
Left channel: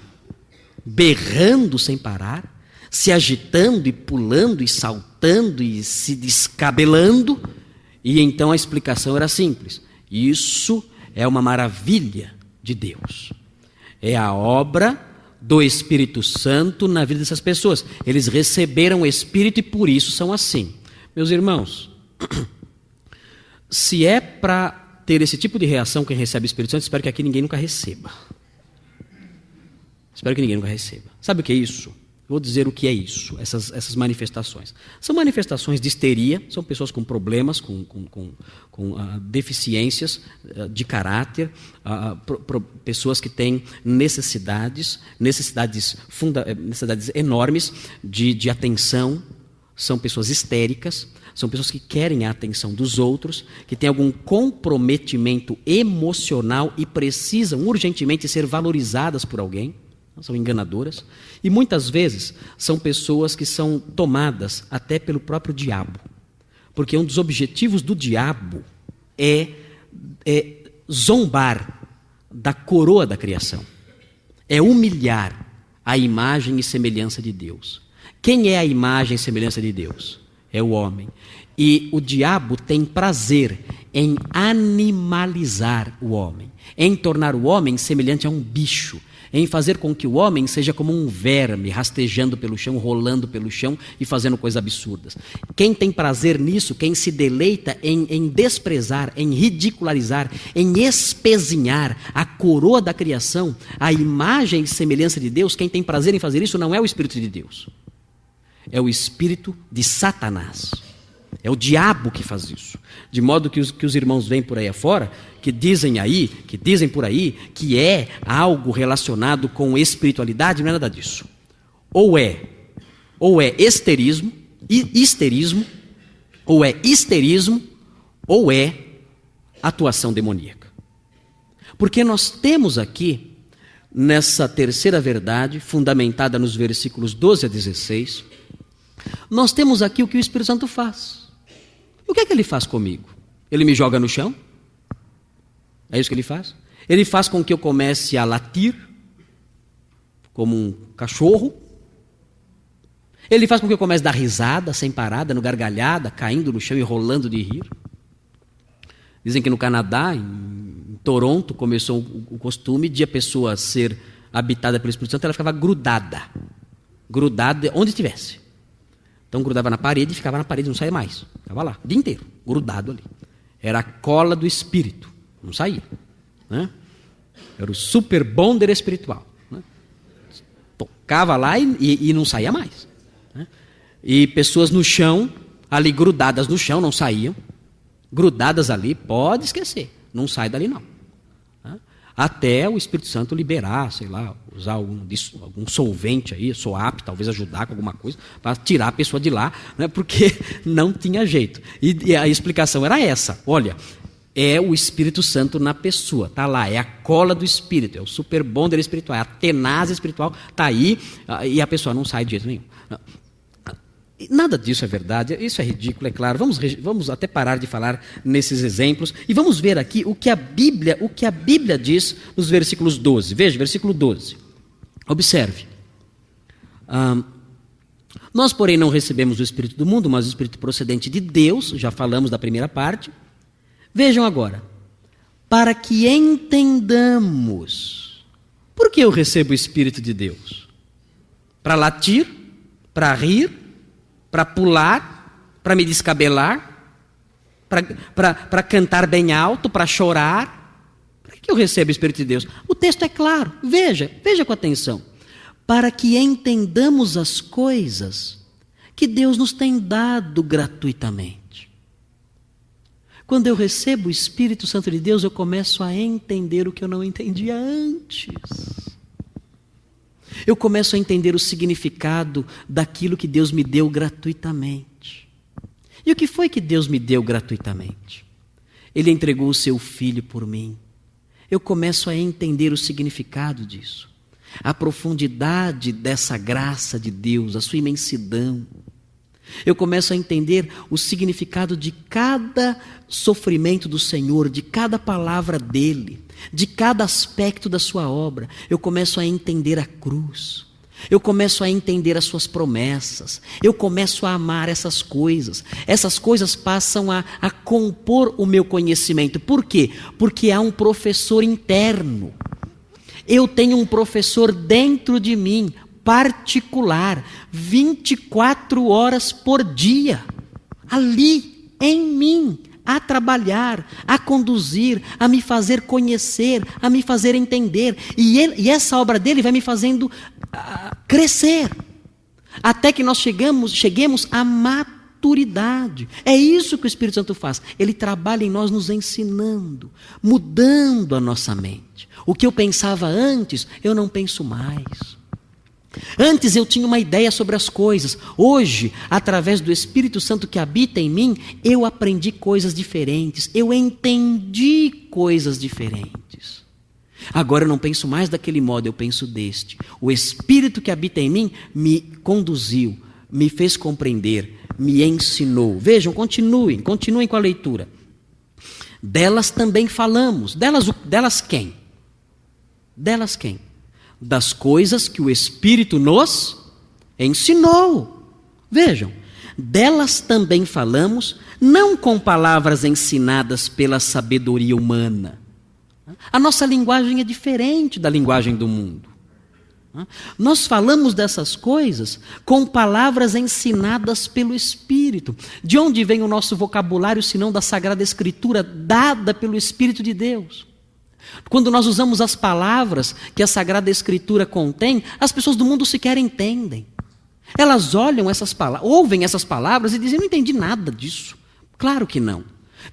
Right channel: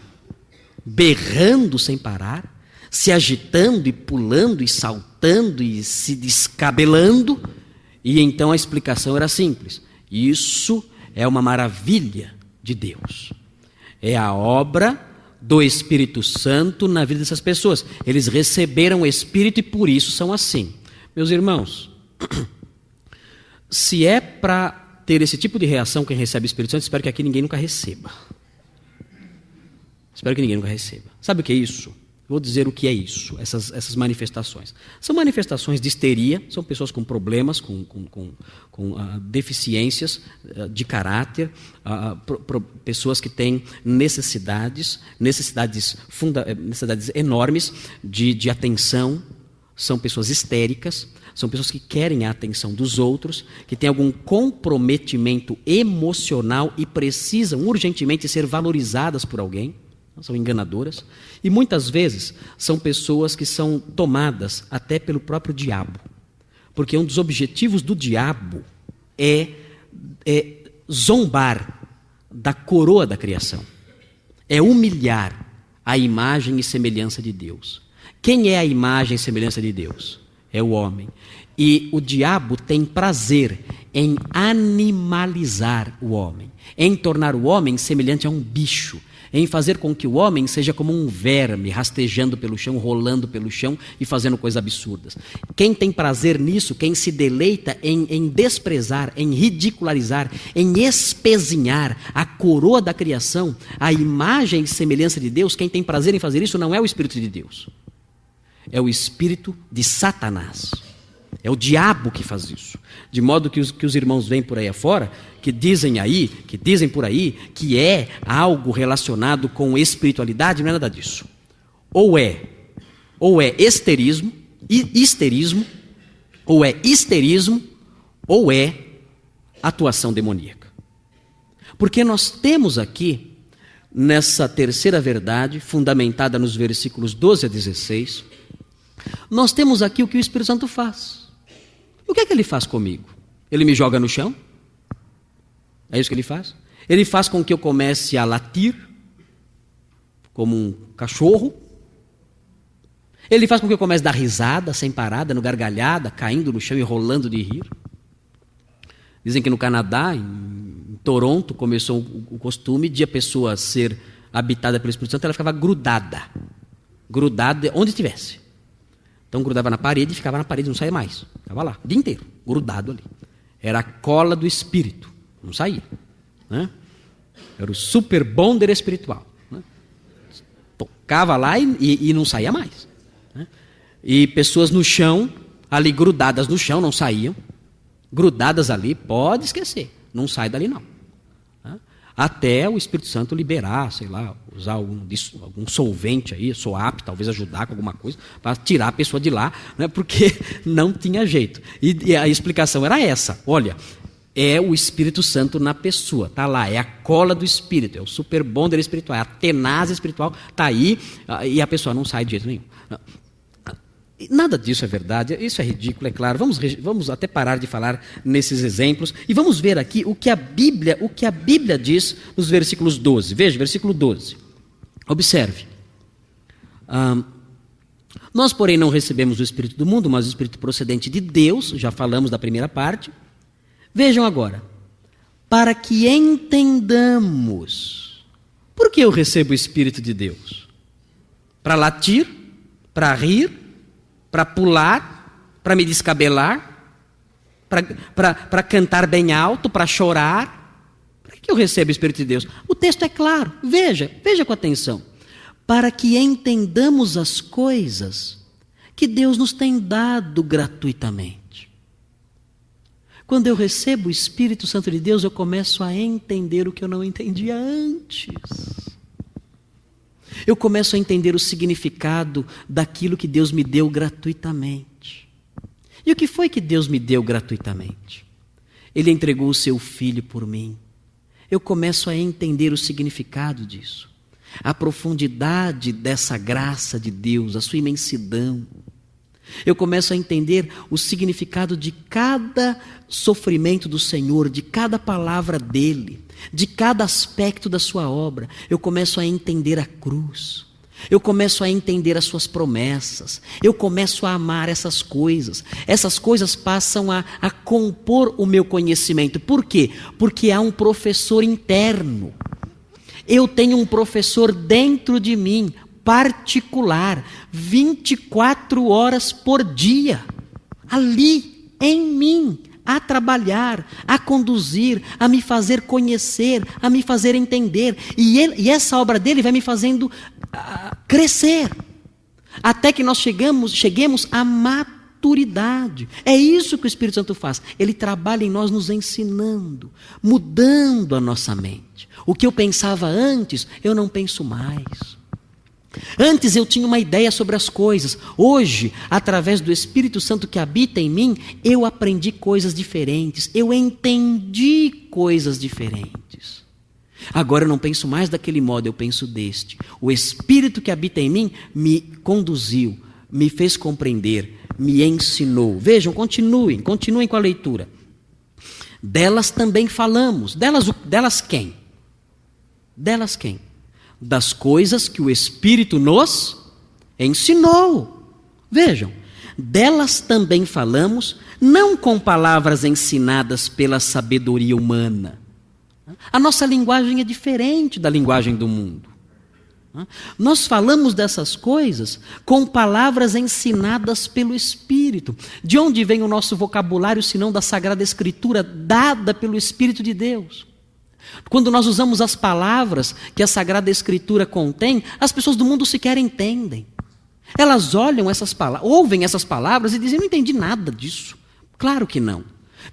berrando sem parar, se agitando e pulando e saltando e se descabelando. E então a explicação era simples. Isso é uma maravilha de Deus. É a obra do Espírito Santo na vida dessas pessoas. Eles receberam o Espírito e por isso são assim. Meus irmãos, se é para ter esse tipo de reação quem recebe o Espírito Santo, espero que aqui ninguém nunca receba. Espero que ninguém nunca receba. Sabe o que é isso? Vou dizer o que é isso, essas manifestações. São manifestações de histeria, são pessoas com problemas, com deficiências de caráter, pessoas que têm necessidades enormes de atenção, são pessoas histéricas, são pessoas que querem a atenção dos outros, que têm algum comprometimento emocional e precisam urgentemente ser valorizadas por alguém. São enganadoras, e muitas vezes são pessoas que são tomadas até pelo próprio diabo, porque um dos objetivos do diabo é zombar da coroa da criação, é humilhar a imagem e semelhança de Deus. Quem é a imagem e semelhança de Deus? É o homem. E o diabo tem prazer em animalizar o homem, em tornar o homem semelhante a um bicho. em fazer com que o homem seja como um verme, rastejando pelo chão, rolando pelo chão e fazendo coisas absurdas. Quem tem prazer nisso, quem se deleita em desprezar, em ridicularizar, em espezinhar a coroa da criação, a imagem e semelhança de Deus, quem tem prazer em fazer isso não é o Espírito de Deus. É o espírito de Satanás. É o diabo que faz isso. De modo que os irmãos vêm por aí afora, que dizem por aí que é algo relacionado com espiritualidade, não é nada disso. Ou é histerismo, ou é atuação demoníaca. Porque nós temos aqui, nessa terceira verdade, fundamentada nos versículos 12 a 16, nós temos aqui o que o Espírito Santo faz. O que é que ele faz comigo? Ele me joga no chão? É isso que ele faz? Ele faz com que eu comece a latir, como um cachorro. Ele faz com que eu comece a dar risada, sem parar, dando gargalhada, caindo no chão e rolando de rir. Dizem que no Canadá, em Toronto, começou o costume de a pessoa ser habitada pelo Espírito Santo, ela ficava grudada onde estivesse. Então grudava na parede e ficava na parede, não saía mais. Estava lá, o dia inteiro, grudado ali. Era a cola do Espírito, não saía. Né? Era o super bonder espiritual. Né? Tocava lá e não saía mais. Né? E pessoas no chão, ali grudadas no chão, não saíam. Grudadas ali, pode esquecer, não sai dali não. Né? Até o Espírito Santo liberar, sei lá, usar algum solvente aí, SOAP, talvez ajudar com alguma coisa, para tirar a pessoa de lá, né? Porque não tinha jeito. E a explicação era essa: olha, é o Espírito Santo na pessoa, está lá, é a cola do Espírito, é o super bonder espiritual, é a tenaz espiritual, está aí, e a pessoa não sai de jeito nenhum. Nada disso é verdade, isso é ridículo, é claro. Vamos até parar de falar nesses exemplos e vamos ver aqui o que a Bíblia diz nos versículos 12. Veja, versículo 12. Observe. Nós, porém, não recebemos o Espírito do mundo, mas o Espírito procedente de Deus. Já falamos da primeira parte. Vejam agora. Para que entendamos. Por que eu recebo o Espírito de Deus? Para latir? Para rir? Para pular, para me descabelar, para cantar bem alto, para chorar. Por que eu recebo o Espírito de Deus? O texto é claro, veja com atenção. Para que entendamos as coisas que Deus nos tem dado gratuitamente. Quando eu recebo o Espírito Santo de Deus, eu começo a entender o que eu não entendia antes. Eu começo a entender o significado daquilo que Deus me deu gratuitamente. E o que foi que Deus me deu gratuitamente? Ele entregou o seu Filho por mim. Eu começo a entender o significado disso. A profundidade dessa graça de Deus, a sua imensidão. Eu começo a entender o significado de cada sofrimento do Senhor, de cada palavra dele, de cada aspecto da sua obra. Eu começo a entender a cruz. Eu começo a entender as suas promessas. Eu começo a amar essas coisas. Essas coisas passam a compor o meu conhecimento. Por quê? Porque há um professor interno. Eu tenho um professor dentro de mim, particular, 24 horas por dia, ali em mim, a trabalhar, a conduzir, a me fazer conhecer, a me fazer entender. E essa obra dele vai me fazendo crescer, até que nós cheguemos à maturidade. É isso que o Espírito Santo faz. Ele trabalha em nós nos ensinando, mudando a nossa mente. O que eu pensava antes, eu não penso mais. Antes eu tinha uma ideia sobre as coisas. Hoje, através do Espírito Santo que habita em mim, eu aprendi coisas diferentes. Eu entendi coisas diferentes. Agora eu não penso mais daquele modo, eu penso deste. O Espírito que habita em mim me conduziu, me fez compreender, me ensinou. Vejam, continuem com a leitura. Delas também falamos. Delas quem? Delas quem? Das coisas que o Espírito nos ensinou. Vejam, delas também falamos, não com palavras ensinadas pela sabedoria humana. A nossa linguagem é diferente da linguagem do mundo. Nós falamos dessas coisas com palavras ensinadas pelo Espírito. De onde vem o nosso vocabulário, senão da Sagrada Escritura, dada pelo Espírito de Deus? Quando nós usamos as palavras que a Sagrada Escritura contém, as pessoas do mundo sequer entendem. Elas olham essas palavras, ouvem essas palavras e dizem: não entendi nada disso. Claro que não.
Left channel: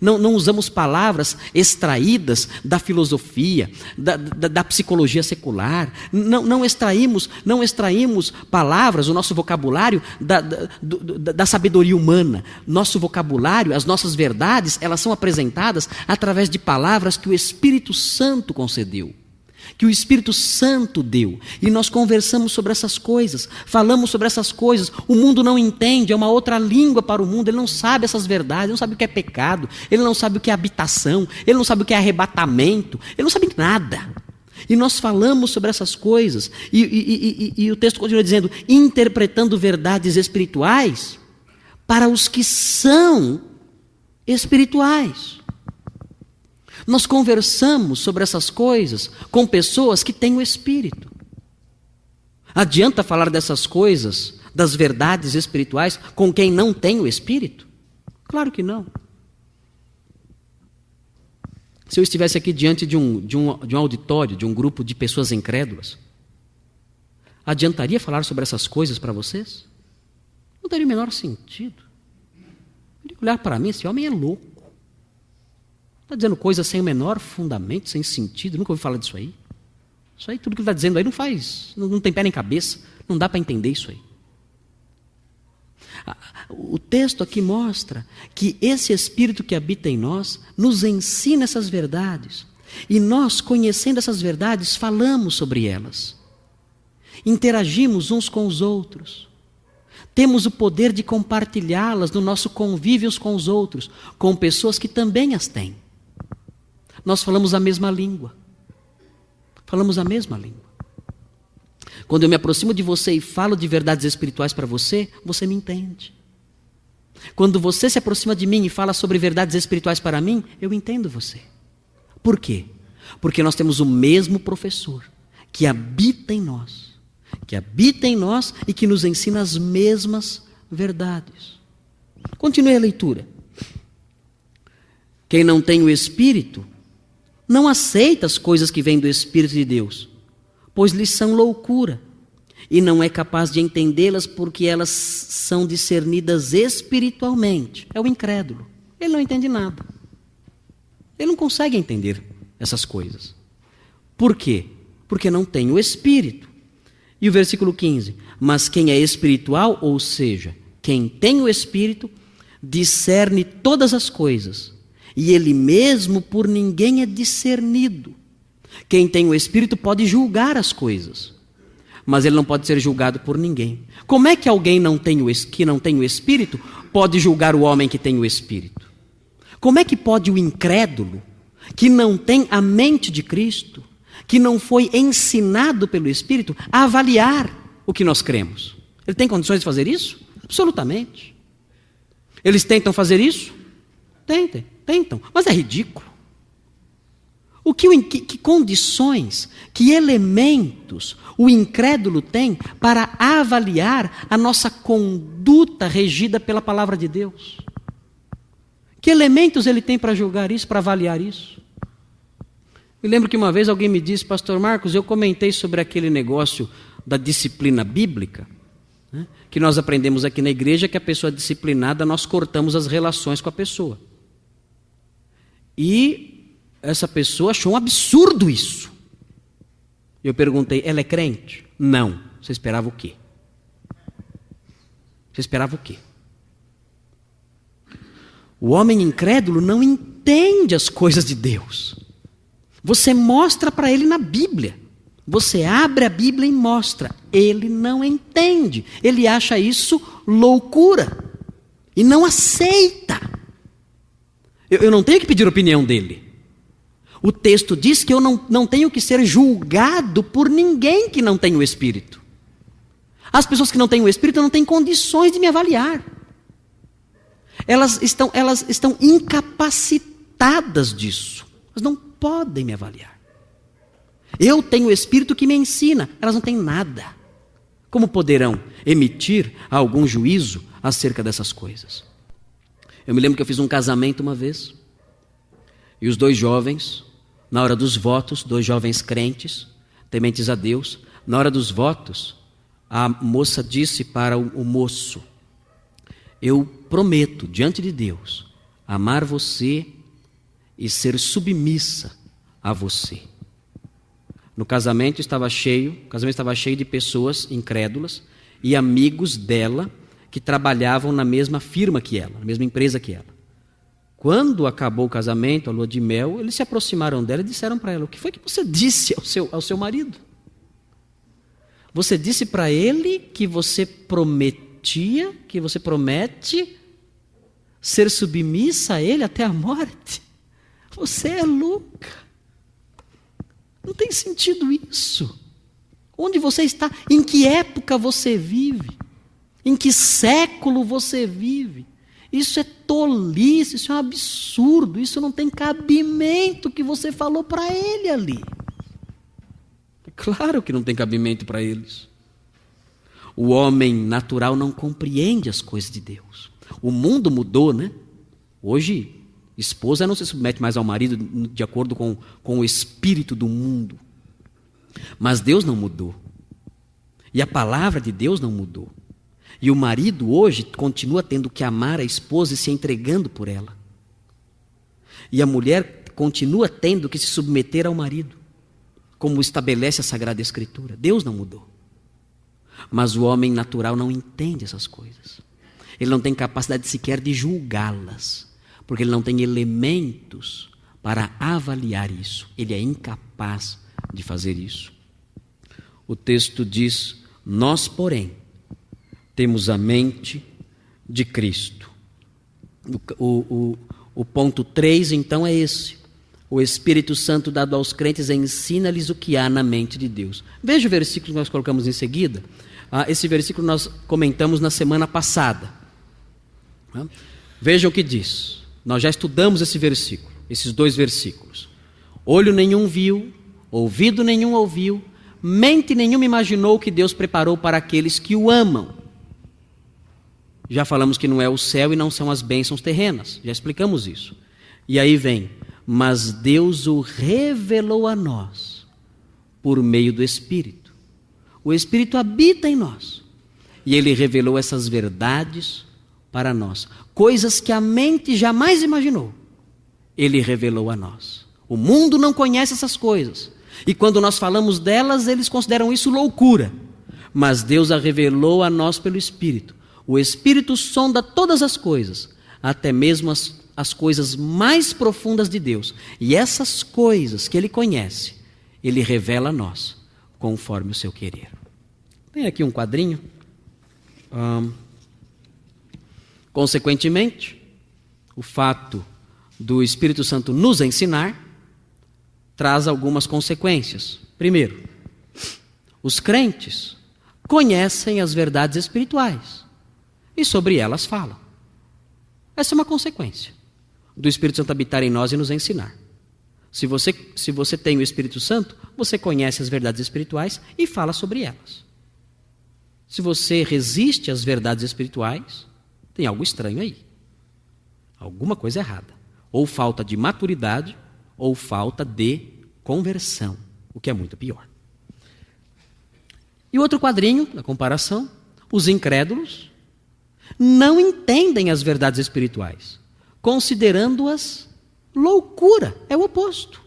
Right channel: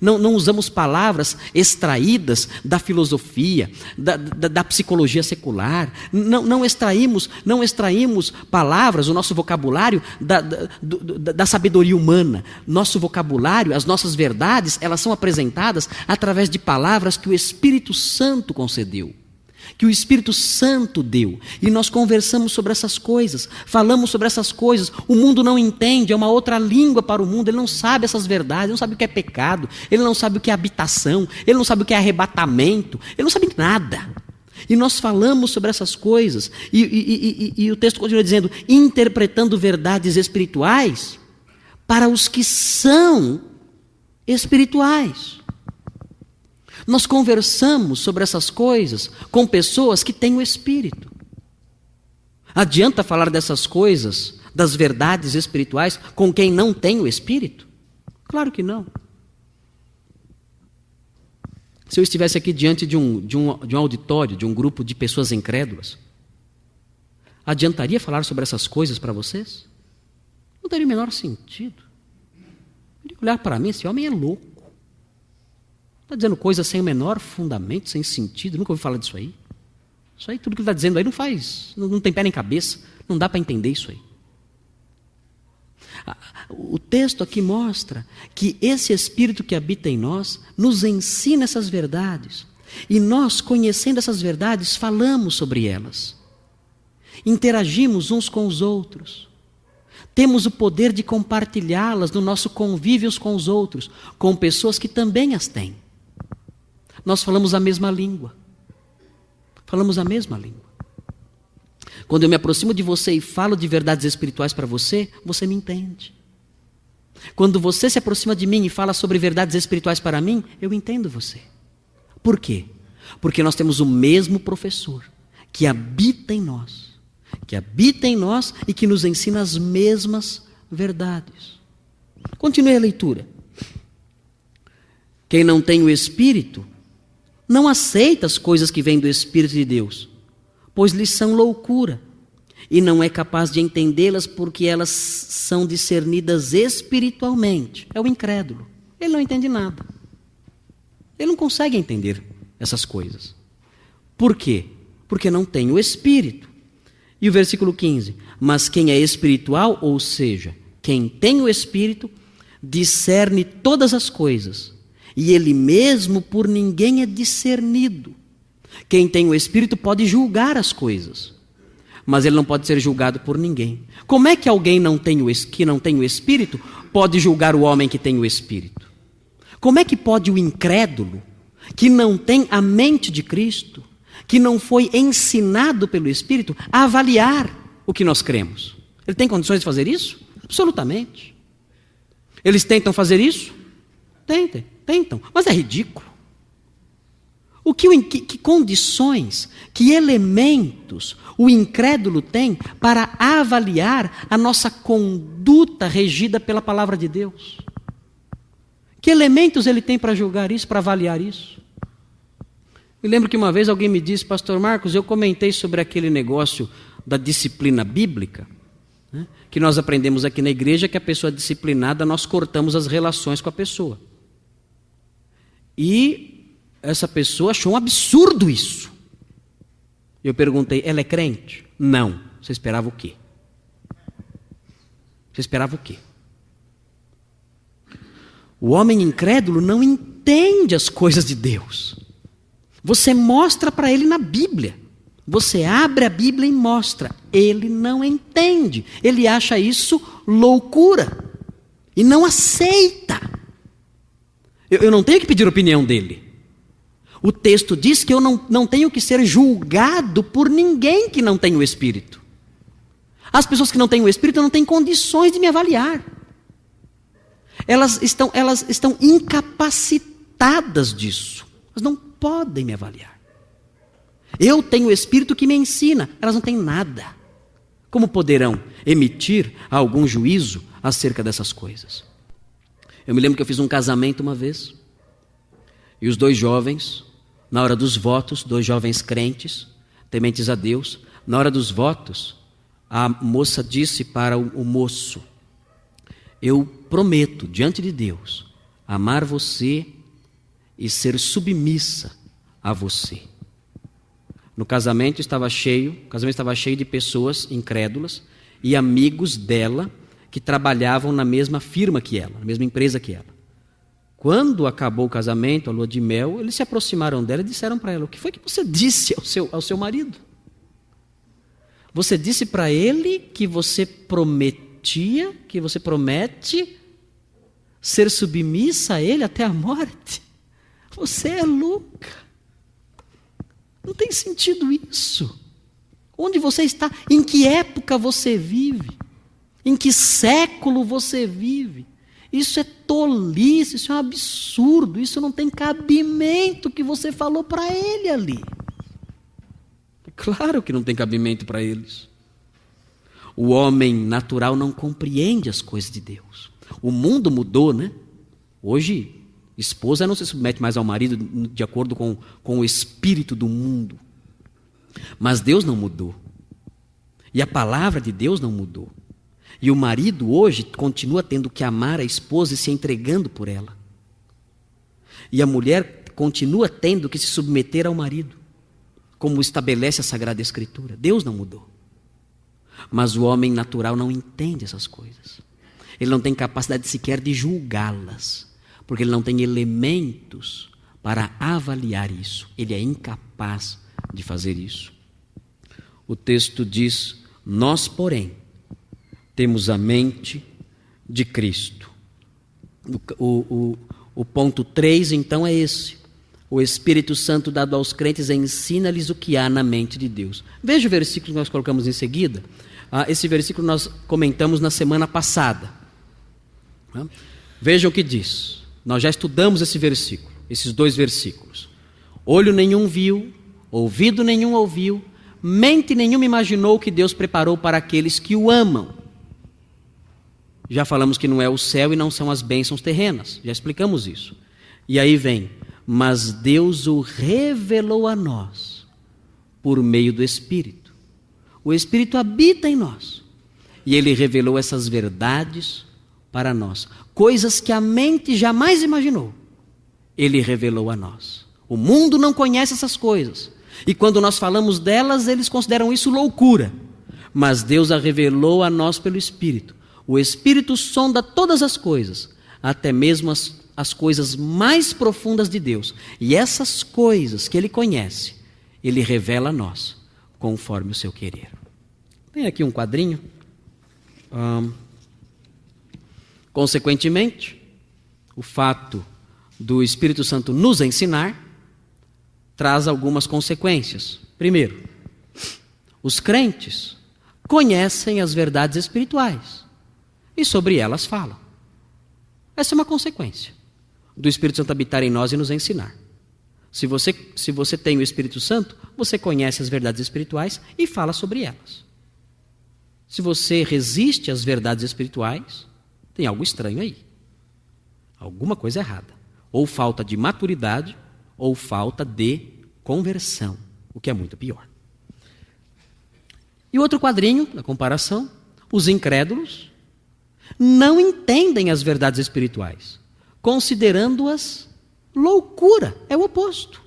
Não usamos palavras extraídas da filosofia, da psicologia secular. Não extraímos palavras, o nosso vocabulário da sabedoria humana. Nosso vocabulário, as nossas verdades, elas são apresentadas através de palavras que o Espírito Santo concedeu, que o Espírito Santo deu, e nós conversamos sobre essas coisas, falamos sobre essas coisas. O mundo não entende, é uma outra língua para o mundo, ele não sabe essas verdades, ele não sabe o que é pecado, ele não sabe o que é habitação, ele não sabe o que é arrebatamento, ele não sabe nada. E nós falamos sobre essas coisas, e o texto continua dizendo: interpretando verdades espirituais para os que são espirituais. Nós conversamos sobre essas coisas com pessoas que têm o Espírito. Adianta falar dessas coisas, das verdades espirituais, com quem não tem o Espírito? Claro que não. Se eu estivesse aqui diante de um auditório, de um grupo de pessoas incrédulas, adiantaria falar sobre essas coisas para vocês? Não teria o menor sentido. Olhar para mim: esse homem é louco. Está dizendo coisas sem o menor fundamento, sem sentido. Nunca ouvi falar disso aí. Isso aí, tudo que ele está dizendo aí não tem pé nem cabeça. Não dá para entender isso aí. O texto aqui mostra que esse Espírito que habita em nós nos ensina essas verdades. E nós, conhecendo essas verdades, falamos sobre elas. Interagimos uns com os outros. Temos o poder de compartilhá-las no nosso convívio uns com os outros, com pessoas que também as têm. Nós falamos a mesma língua. Falamos a mesma língua. Quando eu me aproximo de você e falo de verdades espirituais para você, você me entende. Quando você se aproxima de mim e fala sobre verdades espirituais para mim, eu entendo você. Por quê? Porque nós temos o mesmo professor que habita em nós. Que habita em nós e que nos ensina as mesmas verdades. Continue a leitura. Quem não tem o Espírito não aceita as coisas que vêm do Espírito de Deus, pois lhes são loucura, e não é capaz de entendê-las porque elas são discernidas espiritualmente. É o incrédulo. Ele não entende nada. Ele não consegue entender essas coisas. Por quê? Porque não tem o Espírito. E o versículo 15: mas quem é espiritual, ou seja, quem tem o Espírito, discerne todas as coisas, e ele mesmo por ninguém é discernido. Quem tem o Espírito pode julgar as coisas, mas ele não pode ser julgado por ninguém. Como é que alguém que não tem o Espírito pode julgar o homem que tem o Espírito? Como é que pode o incrédulo, que não tem a mente de Cristo, que não foi ensinado pelo Espírito, a avaliar o que nós cremos? Ele tem condições de fazer isso? Absolutamente. Eles tentam fazer isso? Tentam, mas é ridículo. Que condições, que elementos o incrédulo tem para avaliar a nossa conduta regida pela palavra de Deus? Que elementos ele tem para julgar isso, para avaliar isso? Eu lembro que uma vez alguém me disse: pastor Marcos, eu comentei sobre aquele negócio da disciplina bíblica, né, que nós aprendemos aqui na igreja, que a pessoa disciplinada, nós cortamos as relações com a pessoa. E essa pessoa achou um absurdo isso. Eu perguntei: ela é crente? Não. Você esperava o quê? Você esperava o quê? O homem incrédulo não entende as coisas de Deus. Você mostra para ele na Bíblia. Você abre a Bíblia e mostra. Ele não entende. Ele acha isso loucura. E não aceita. Eu não tenho que pedir a opinião dele. O texto diz que eu não tenho que ser julgado por ninguém que não tem o Espírito. As pessoas que não têm o Espírito não têm condições de me avaliar. Elas estão incapacitadas disso. Elas não podem me avaliar. Eu tenho o Espírito que me ensina. Elas não têm nada. Como poderão emitir algum juízo acerca dessas coisas? Eu me lembro que eu fiz um casamento uma vez, e os 2 jovens, na hora dos votos, 2 jovens crentes, tementes a Deus, na hora dos votos, a moça disse para o moço: eu prometo diante de Deus amar você e ser submissa a você. O casamento estava cheio de pessoas incrédulas e amigos dela que trabalhavam na mesma firma que ela, na mesma empresa que ela. Quando acabou o casamento, a lua de mel, eles se aproximaram dela e disseram para ela: o que foi que você disse ao seu marido? Você disse para ele que você promete ser submissa a ele até a morte? Você é louca. Não tem sentido isso. Onde você está? Em que época você vive? Em que século você vive? Isso é tolice, isso é um absurdo, isso não tem cabimento que você falou para ele ali. Claro que não tem cabimento para eles. O homem natural não compreende as coisas de Deus. O mundo mudou, né? Hoje, esposa não se submete mais ao marido de acordo com o espírito do mundo. Mas Deus não mudou. E a palavra de Deus não mudou. E o marido hoje continua tendo que amar a esposa e se entregando por ela. E a mulher continua tendo que se submeter ao marido, como estabelece a Sagrada Escritura. Deus não mudou. Mas o homem natural não entende essas coisas. Ele não tem capacidade sequer de julgá-las, porque ele não tem elementos para avaliar isso. Ele é incapaz de fazer isso. O texto diz: nós, porém, temos a mente de Cristo. O ponto 3, então, é esse. O Espírito Santo dado aos crentes ensina-lhes o que há na mente de Deus. Veja o versículo que nós colocamos em seguida. Esse versículo nós comentamos na semana passada. Veja o que diz. Nós já estudamos esse versículo, esses 2 versículos. Olho nenhum viu, ouvido nenhum ouviu, mente nenhuma imaginou o que Deus preparou para aqueles que o amam. Já falamos que não é o céu e não são as bênçãos terrenas. Já explicamos isso. E aí vem: mas Deus o revelou a nós por meio do Espírito. O Espírito habita em nós. E Ele revelou essas verdades para nós. Coisas que a mente jamais imaginou. Ele revelou a nós. O mundo não conhece essas coisas. E quando nós falamos delas, eles consideram isso loucura. Mas Deus a revelou a nós pelo Espírito. O Espírito sonda todas as coisas, até mesmo as coisas mais profundas de Deus. E essas coisas que Ele conhece, Ele revela a nós, conforme o seu querer. Tem aqui um quadrinho. Consequentemente, o fato do Espírito Santo nos ensinar traz algumas consequências. Primeiro, os crentes conhecem as verdades espirituais e sobre elas falam. Essa é uma consequência do Espírito Santo habitar em nós e nos ensinar. Se você tem o Espírito Santo, você conhece as verdades espirituais e fala sobre elas. Se você resiste às verdades espirituais, tem algo estranho aí. Alguma coisa errada. Ou falta de maturidade, ou falta de conversão, o que é muito pior. E outro quadrinho, na comparação: os incrédulos não entendem as verdades espirituais, considerando-as loucura. É o oposto.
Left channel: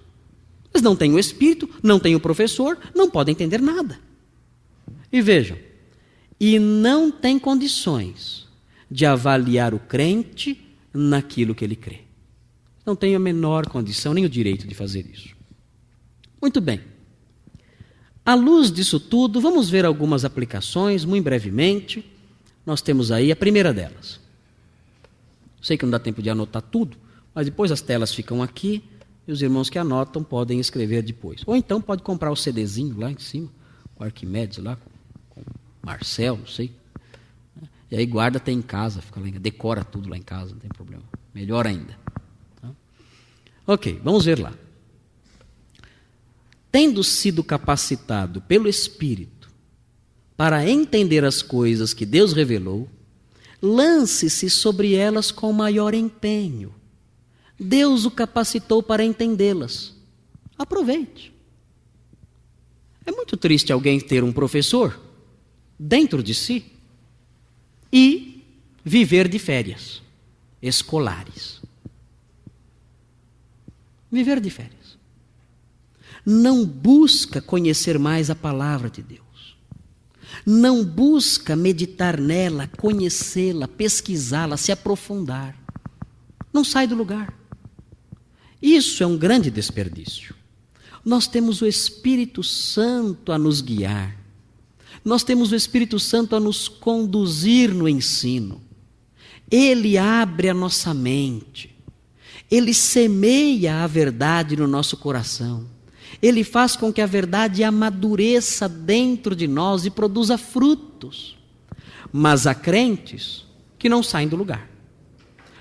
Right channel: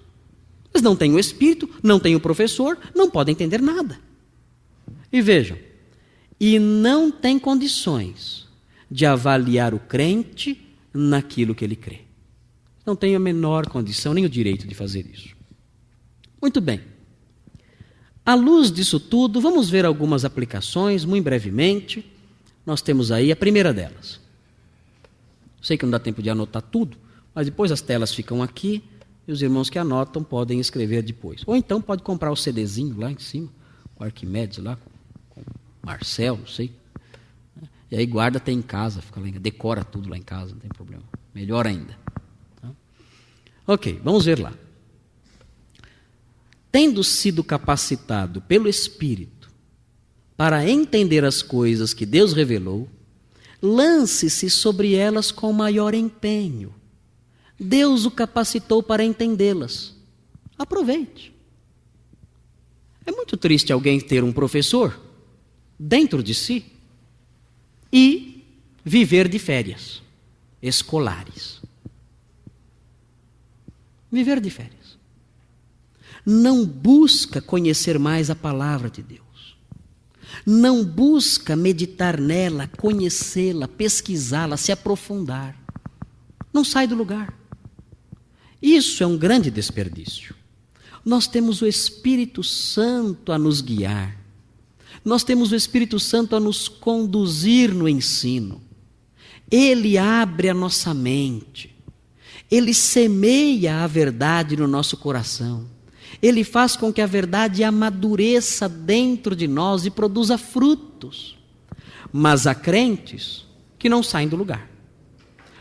Eles não têm o Espírito, não têm o professor, não podem entender nada. E vejam, e não têm condições de avaliar o crente naquilo que ele crê. Não tem a menor condição, nem o direito de fazer isso. Muito bem. À luz disso tudo, vamos ver algumas aplicações, muito brevemente. Nós temos aí a primeira delas. Sei que não dá tempo de anotar tudo, mas depois as telas ficam aqui e os irmãos que anotam podem escrever depois. Ou então pode comprar o CDzinho lá em cima, o Arquimedes lá, com Marcel, não sei. E aí guarda até em casa, fica lá, decora tudo lá em casa, não tem problema. Melhor ainda. Ok, vamos ver lá. tendo sido capacitado pelo Espírito para entender as coisas que Deus revelou, lance-se sobre elas com maior empenho. Deus o capacitou para entendê-las. Aproveite. É muito triste alguém ter um professor dentro de si e viver de férias escolares. Viver de férias. Não busca conhecer mais a palavra de Deus. Não busca meditar nela, conhecê-la, pesquisá-la, se aprofundar. Não sai do lugar. Isso é um grande desperdício. Nós temos o Espírito Santo a nos guiar. Nós temos o Espírito Santo a nos conduzir no ensino. Ele abre a nossa mente. Ele semeia a verdade no nosso coração. Ele faz com que a verdade amadureça dentro de nós e produza frutos. Mas há crentes que não saem do lugar.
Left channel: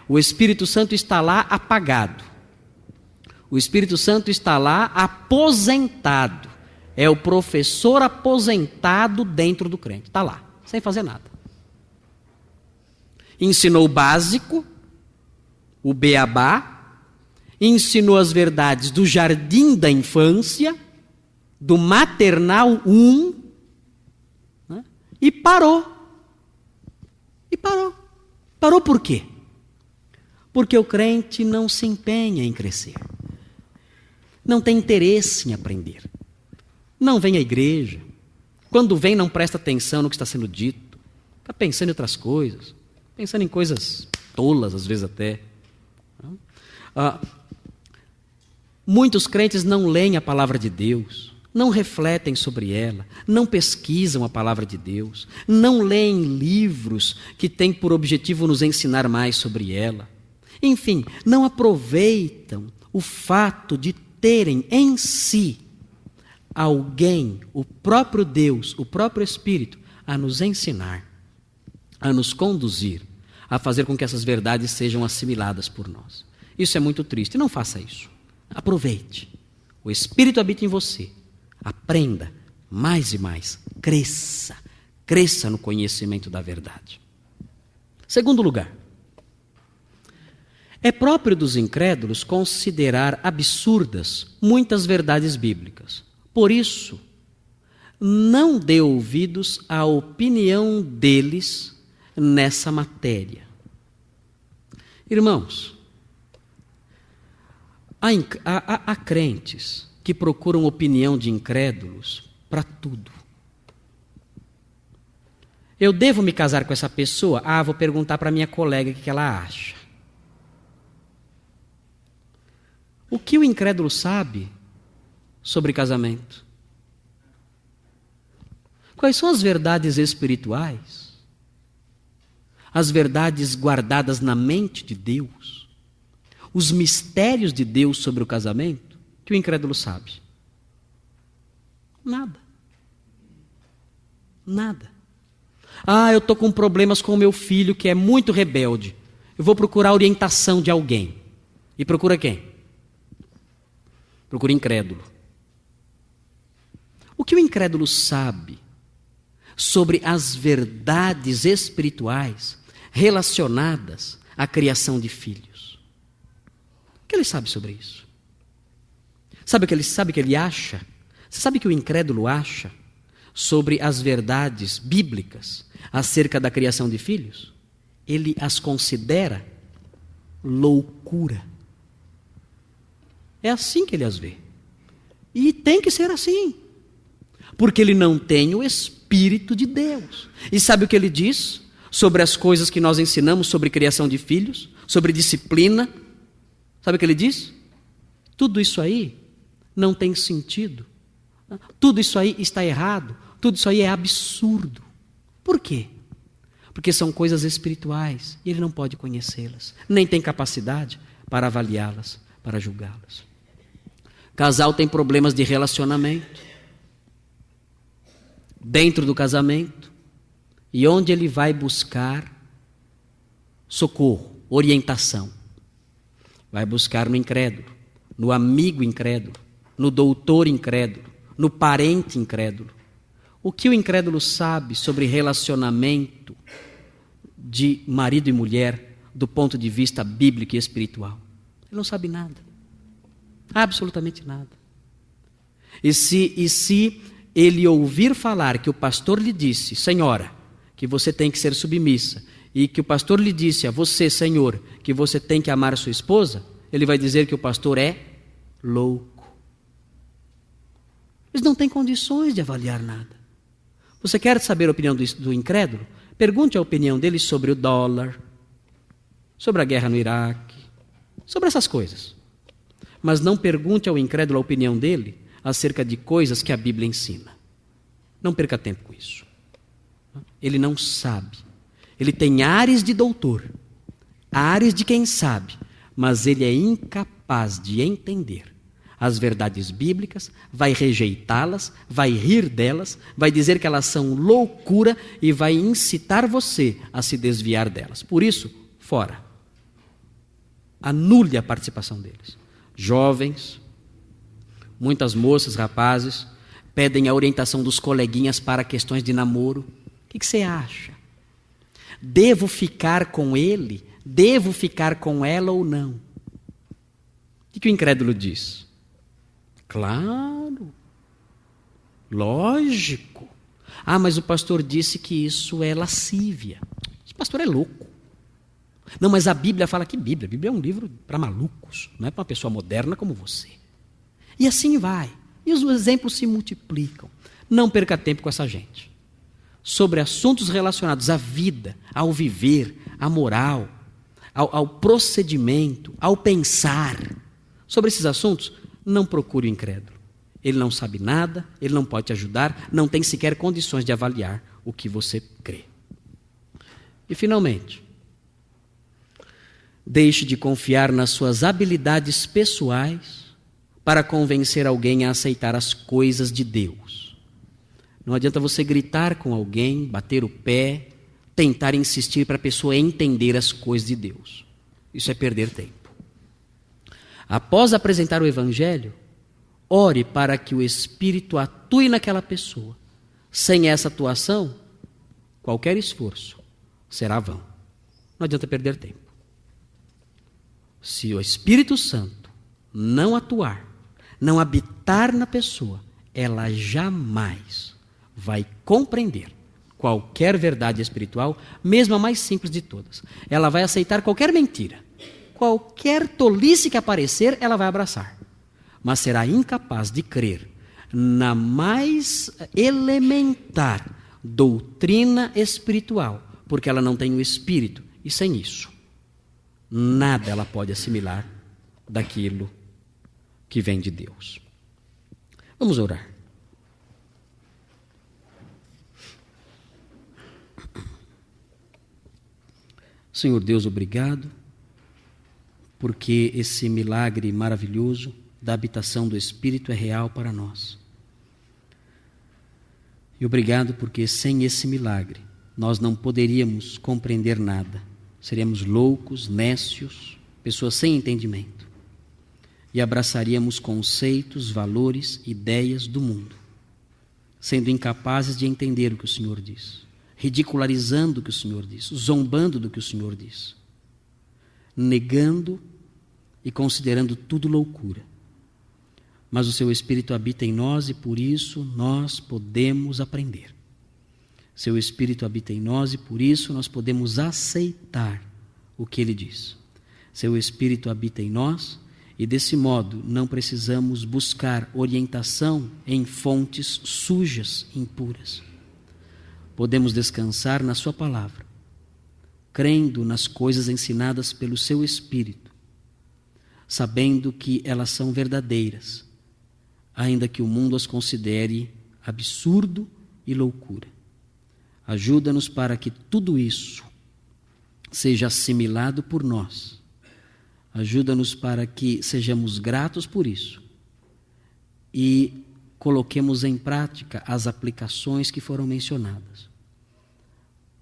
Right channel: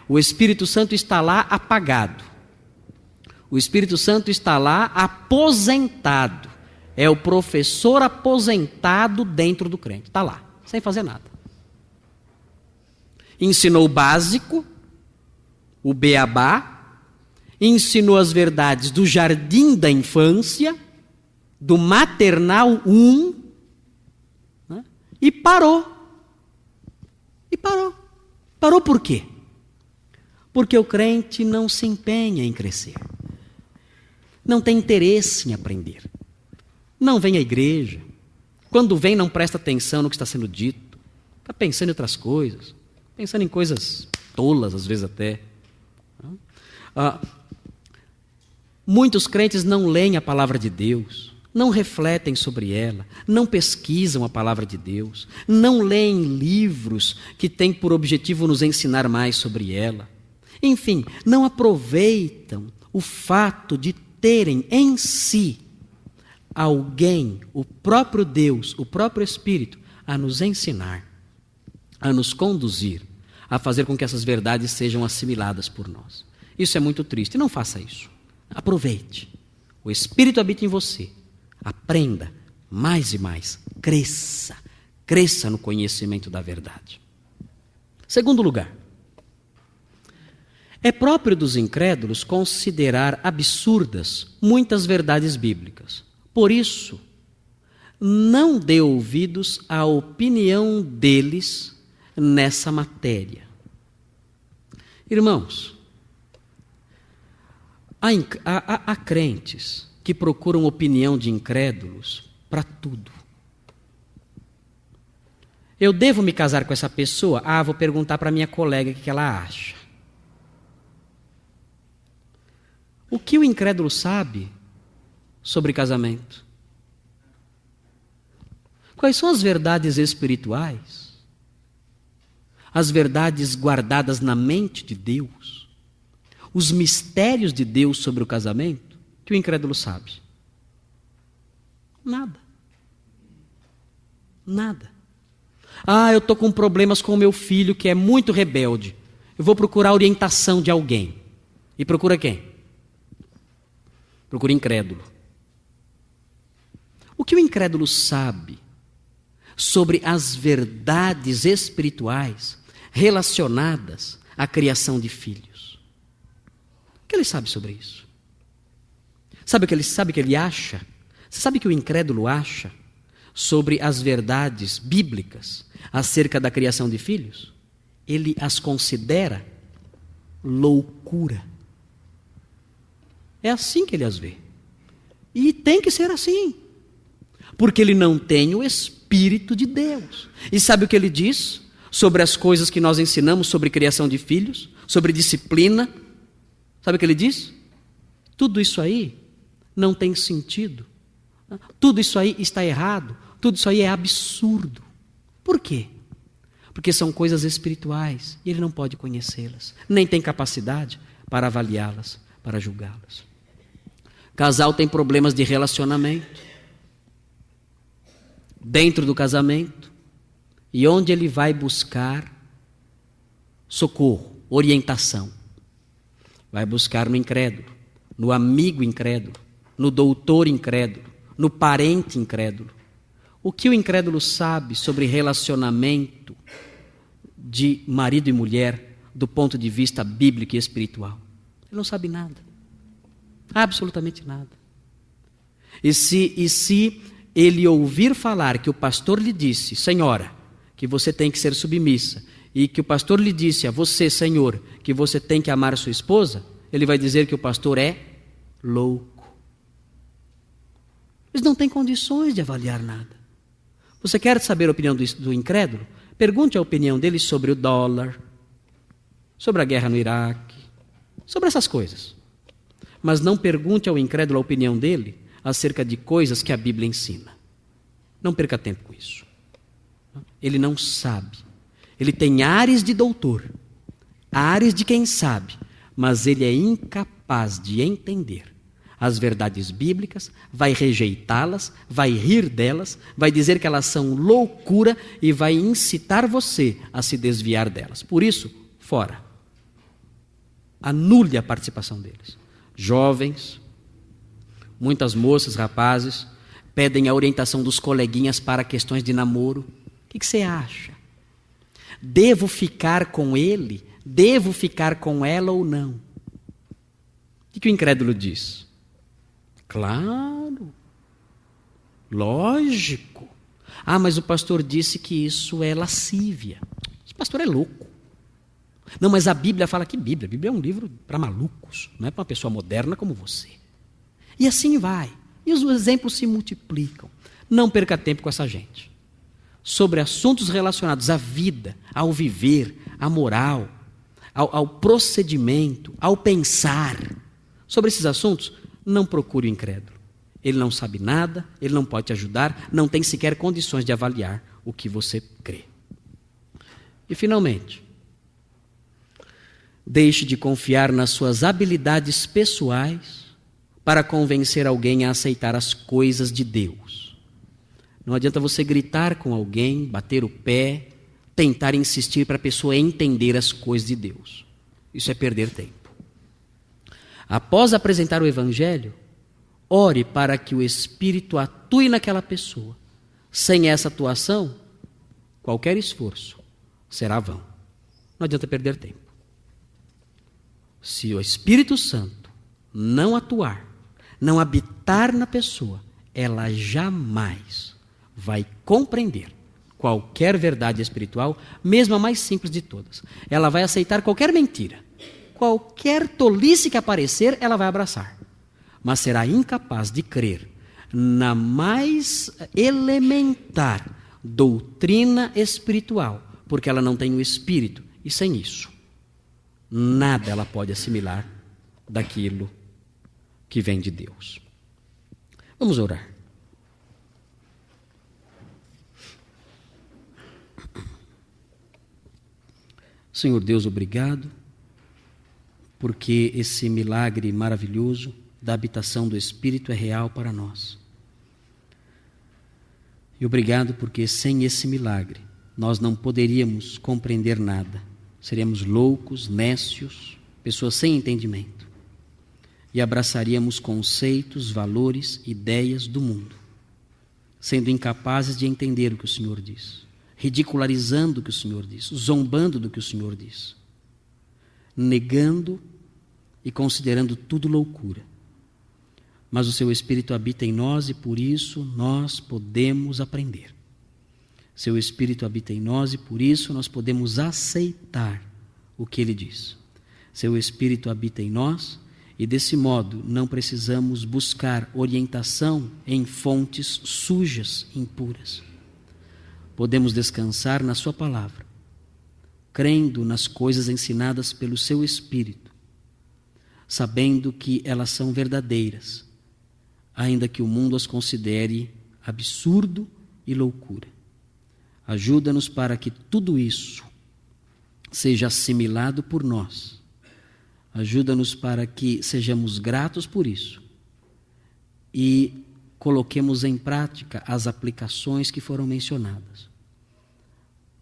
O Espírito Santo está lá apagado. O Espírito Santo está lá aposentado. É o professor aposentado dentro do crente. Está lá, sem fazer nada. Ensinou o básico, o beabá, ensinou as verdades do jardim da infância, do maternal 1, né? E parou. E parou. Parou por quê? Porque o crente não se empenha em crescer. Não tem interesse em aprender. Não vem à igreja. Quando vem, não presta atenção no que está sendo dito. Fica pensando em outras coisas. Pensando em coisas tolas, às vezes até. Muitos crentes não leem a palavra de Deus, não refletem sobre ela, não pesquisam a palavra de Deus, não leem livros que têm por objetivo nos ensinar mais sobre ela. Enfim, não aproveitam o fato de terem em si alguém, o próprio Deus, o próprio Espírito, a nos ensinar, a nos conduzir, a fazer com que essas verdades sejam assimiladas por nós. Isso é muito triste. Não faça isso. Aproveite. O Espírito habita em você. Aprenda mais e mais. Cresça. Cresça no conhecimento da verdade. Segundo lugar, é próprio dos incrédulos considerar absurdas muitas verdades bíblicas. Por isso, não dê ouvidos à opinião deles nessa matéria. Irmãos, há crentes que procuram opinião de incrédulos para tudo. Eu devo me casar com essa pessoa? Vou perguntar para minha colega o que ela acha. O que o incrédulo sabe sobre casamento? Quais são as verdades espirituais? As verdades guardadas na mente de Deus? Os mistérios de Deus sobre o casamento que o incrédulo sabe? Nada. Nada. Eu estou com problemas com o meu filho que é muito rebelde. Eu vou procurar a orientação de alguém. E procura quem? Procura incrédulo. O que o incrédulo sabe sobre as verdades espirituais relacionadas à criação de filhos? O que ele sabe sobre isso? Sabe o que ele acha? Você sabe o que o incrédulo acha sobre as verdades bíblicas acerca da criação de filhos? Ele as considera loucura. É assim que ele as vê. E tem que ser assim. Porque ele não tem o Espírito de Deus. E sabe o que ele diz sobre as coisas que nós ensinamos sobre criação de filhos? Sobre disciplina? Sabe o que ele diz? Tudo isso aí não tem sentido. Tudo isso aí está errado. Tudo isso aí é absurdo. Por quê? Porque são coisas espirituais e ele não pode conhecê-las. Nem tem capacidade para avaliá-las, para julgá-las. Casal tem problemas de relacionamento. Dentro do casamento. E onde ele vai buscar socorro, orientação? Vai buscar no incrédulo, no amigo incrédulo, no doutor incrédulo, no parente incrédulo. O que o incrédulo sabe sobre relacionamento de marido e mulher do ponto de vista bíblico e espiritual? Ele não sabe nada. Absolutamente nada. E se ele ouvir falar que o pastor lhe disse, senhora, que você tem que ser submissa, e que o pastor lhe disse a você, senhor, que você tem que amar sua esposa, ele vai dizer que o pastor é louco. Eles não têm condições de avaliar nada. Você quer saber a opinião do incrédulo? Pergunte a opinião dele sobre o dólar, sobre a guerra no Iraque, sobre essas coisas. Mas não pergunte ao incrédulo a opinião dele acerca de coisas que a Bíblia ensina. Não perca tempo com isso. Ele não sabe. Ele tem ares de doutor, ares de quem sabe, mas ele é incapaz de entender as verdades bíblicas, vai rejeitá-las, vai rir delas, vai dizer que elas são loucura e vai incitar você a se desviar delas. Por isso, fora. Anule a participação deles. Jovens, muitas moças, rapazes, pedem a orientação dos coleguinhas para questões de namoro. O que você acha? Devo ficar com ele? Devo ficar com ela ou não? O que o incrédulo diz? Claro, lógico. Ah, mas o pastor disse que isso é lascívia. Esse pastor é louco. Não, mas a Bíblia fala que Bíblia? A Bíblia é um livro para malucos, não é para uma pessoa moderna como você. E assim vai. E os exemplos se multiplicam. Não perca tempo com essa gente. Sobre assuntos relacionados à vida, ao viver, à moral, ao procedimento, ao pensar. Sobre esses assuntos, não procure o incrédulo. Ele não sabe nada, ele não pode te ajudar, não tem sequer condições de avaliar o que você crê. E finalmente, deixe de confiar nas suas habilidades pessoais para convencer alguém a aceitar as coisas de Deus. Não adianta você gritar com alguém, bater o pé, tentar insistir para a pessoa entender as coisas de Deus. Isso é perder tempo. Após apresentar o Evangelho, ore para que o Espírito atue naquela pessoa. Sem essa atuação, qualquer esforço será vão. Não adianta perder tempo. Se o Espírito Santo não atuar, não habitar na pessoa, ela jamais vai compreender qualquer verdade espiritual, mesmo a mais simples de todas. Ela vai aceitar qualquer mentira. Qualquer tolice que aparecer, ela vai abraçar. Mas será incapaz de crer na mais elementar doutrina espiritual, porque ela não tem o Espírito. E sem isso, nada ela pode assimilar daquilo que vem de Deus. Vamos orar. Senhor Deus, obrigado, porque esse milagre maravilhoso da habitação do Espírito é real para nós. E obrigado porque sem esse milagre nós não poderíamos compreender nada. Seríamos loucos, nécios, pessoas sem entendimento. E abraçaríamos conceitos, valores, ideias do mundo, sendo incapazes de entender o que o Senhor diz, ridicularizando o que o Senhor diz, zombando do que o Senhor diz, negando e considerando tudo loucura. Mas o seu Espírito habita em nós e por isso nós podemos aprender. Seu Espírito habita em nós e por isso nós podemos aceitar o que Ele diz. Seu Espírito habita em nós e desse modo não precisamos buscar orientação em fontes sujas, impuras. Podemos descansar na sua palavra, crendo nas coisas ensinadas pelo seu Espírito, sabendo que elas são verdadeiras, ainda que o mundo as considere absurdo e loucura. Ajuda-nos para que tudo isso seja assimilado por nós. Ajuda-nos para que sejamos gratos por isso e coloquemos em prática as aplicações que foram mencionadas.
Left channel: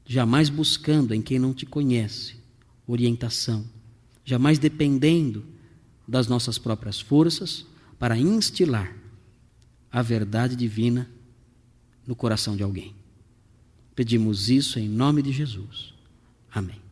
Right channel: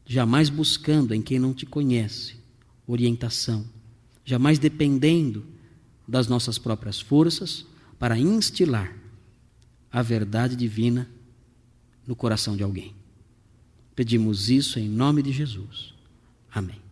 Jamais buscando em quem não te conhece orientação, jamais dependendo das nossas próprias forças, para instilar a verdade divina no coração de alguém. Pedimos isso em nome de Jesus. Amém.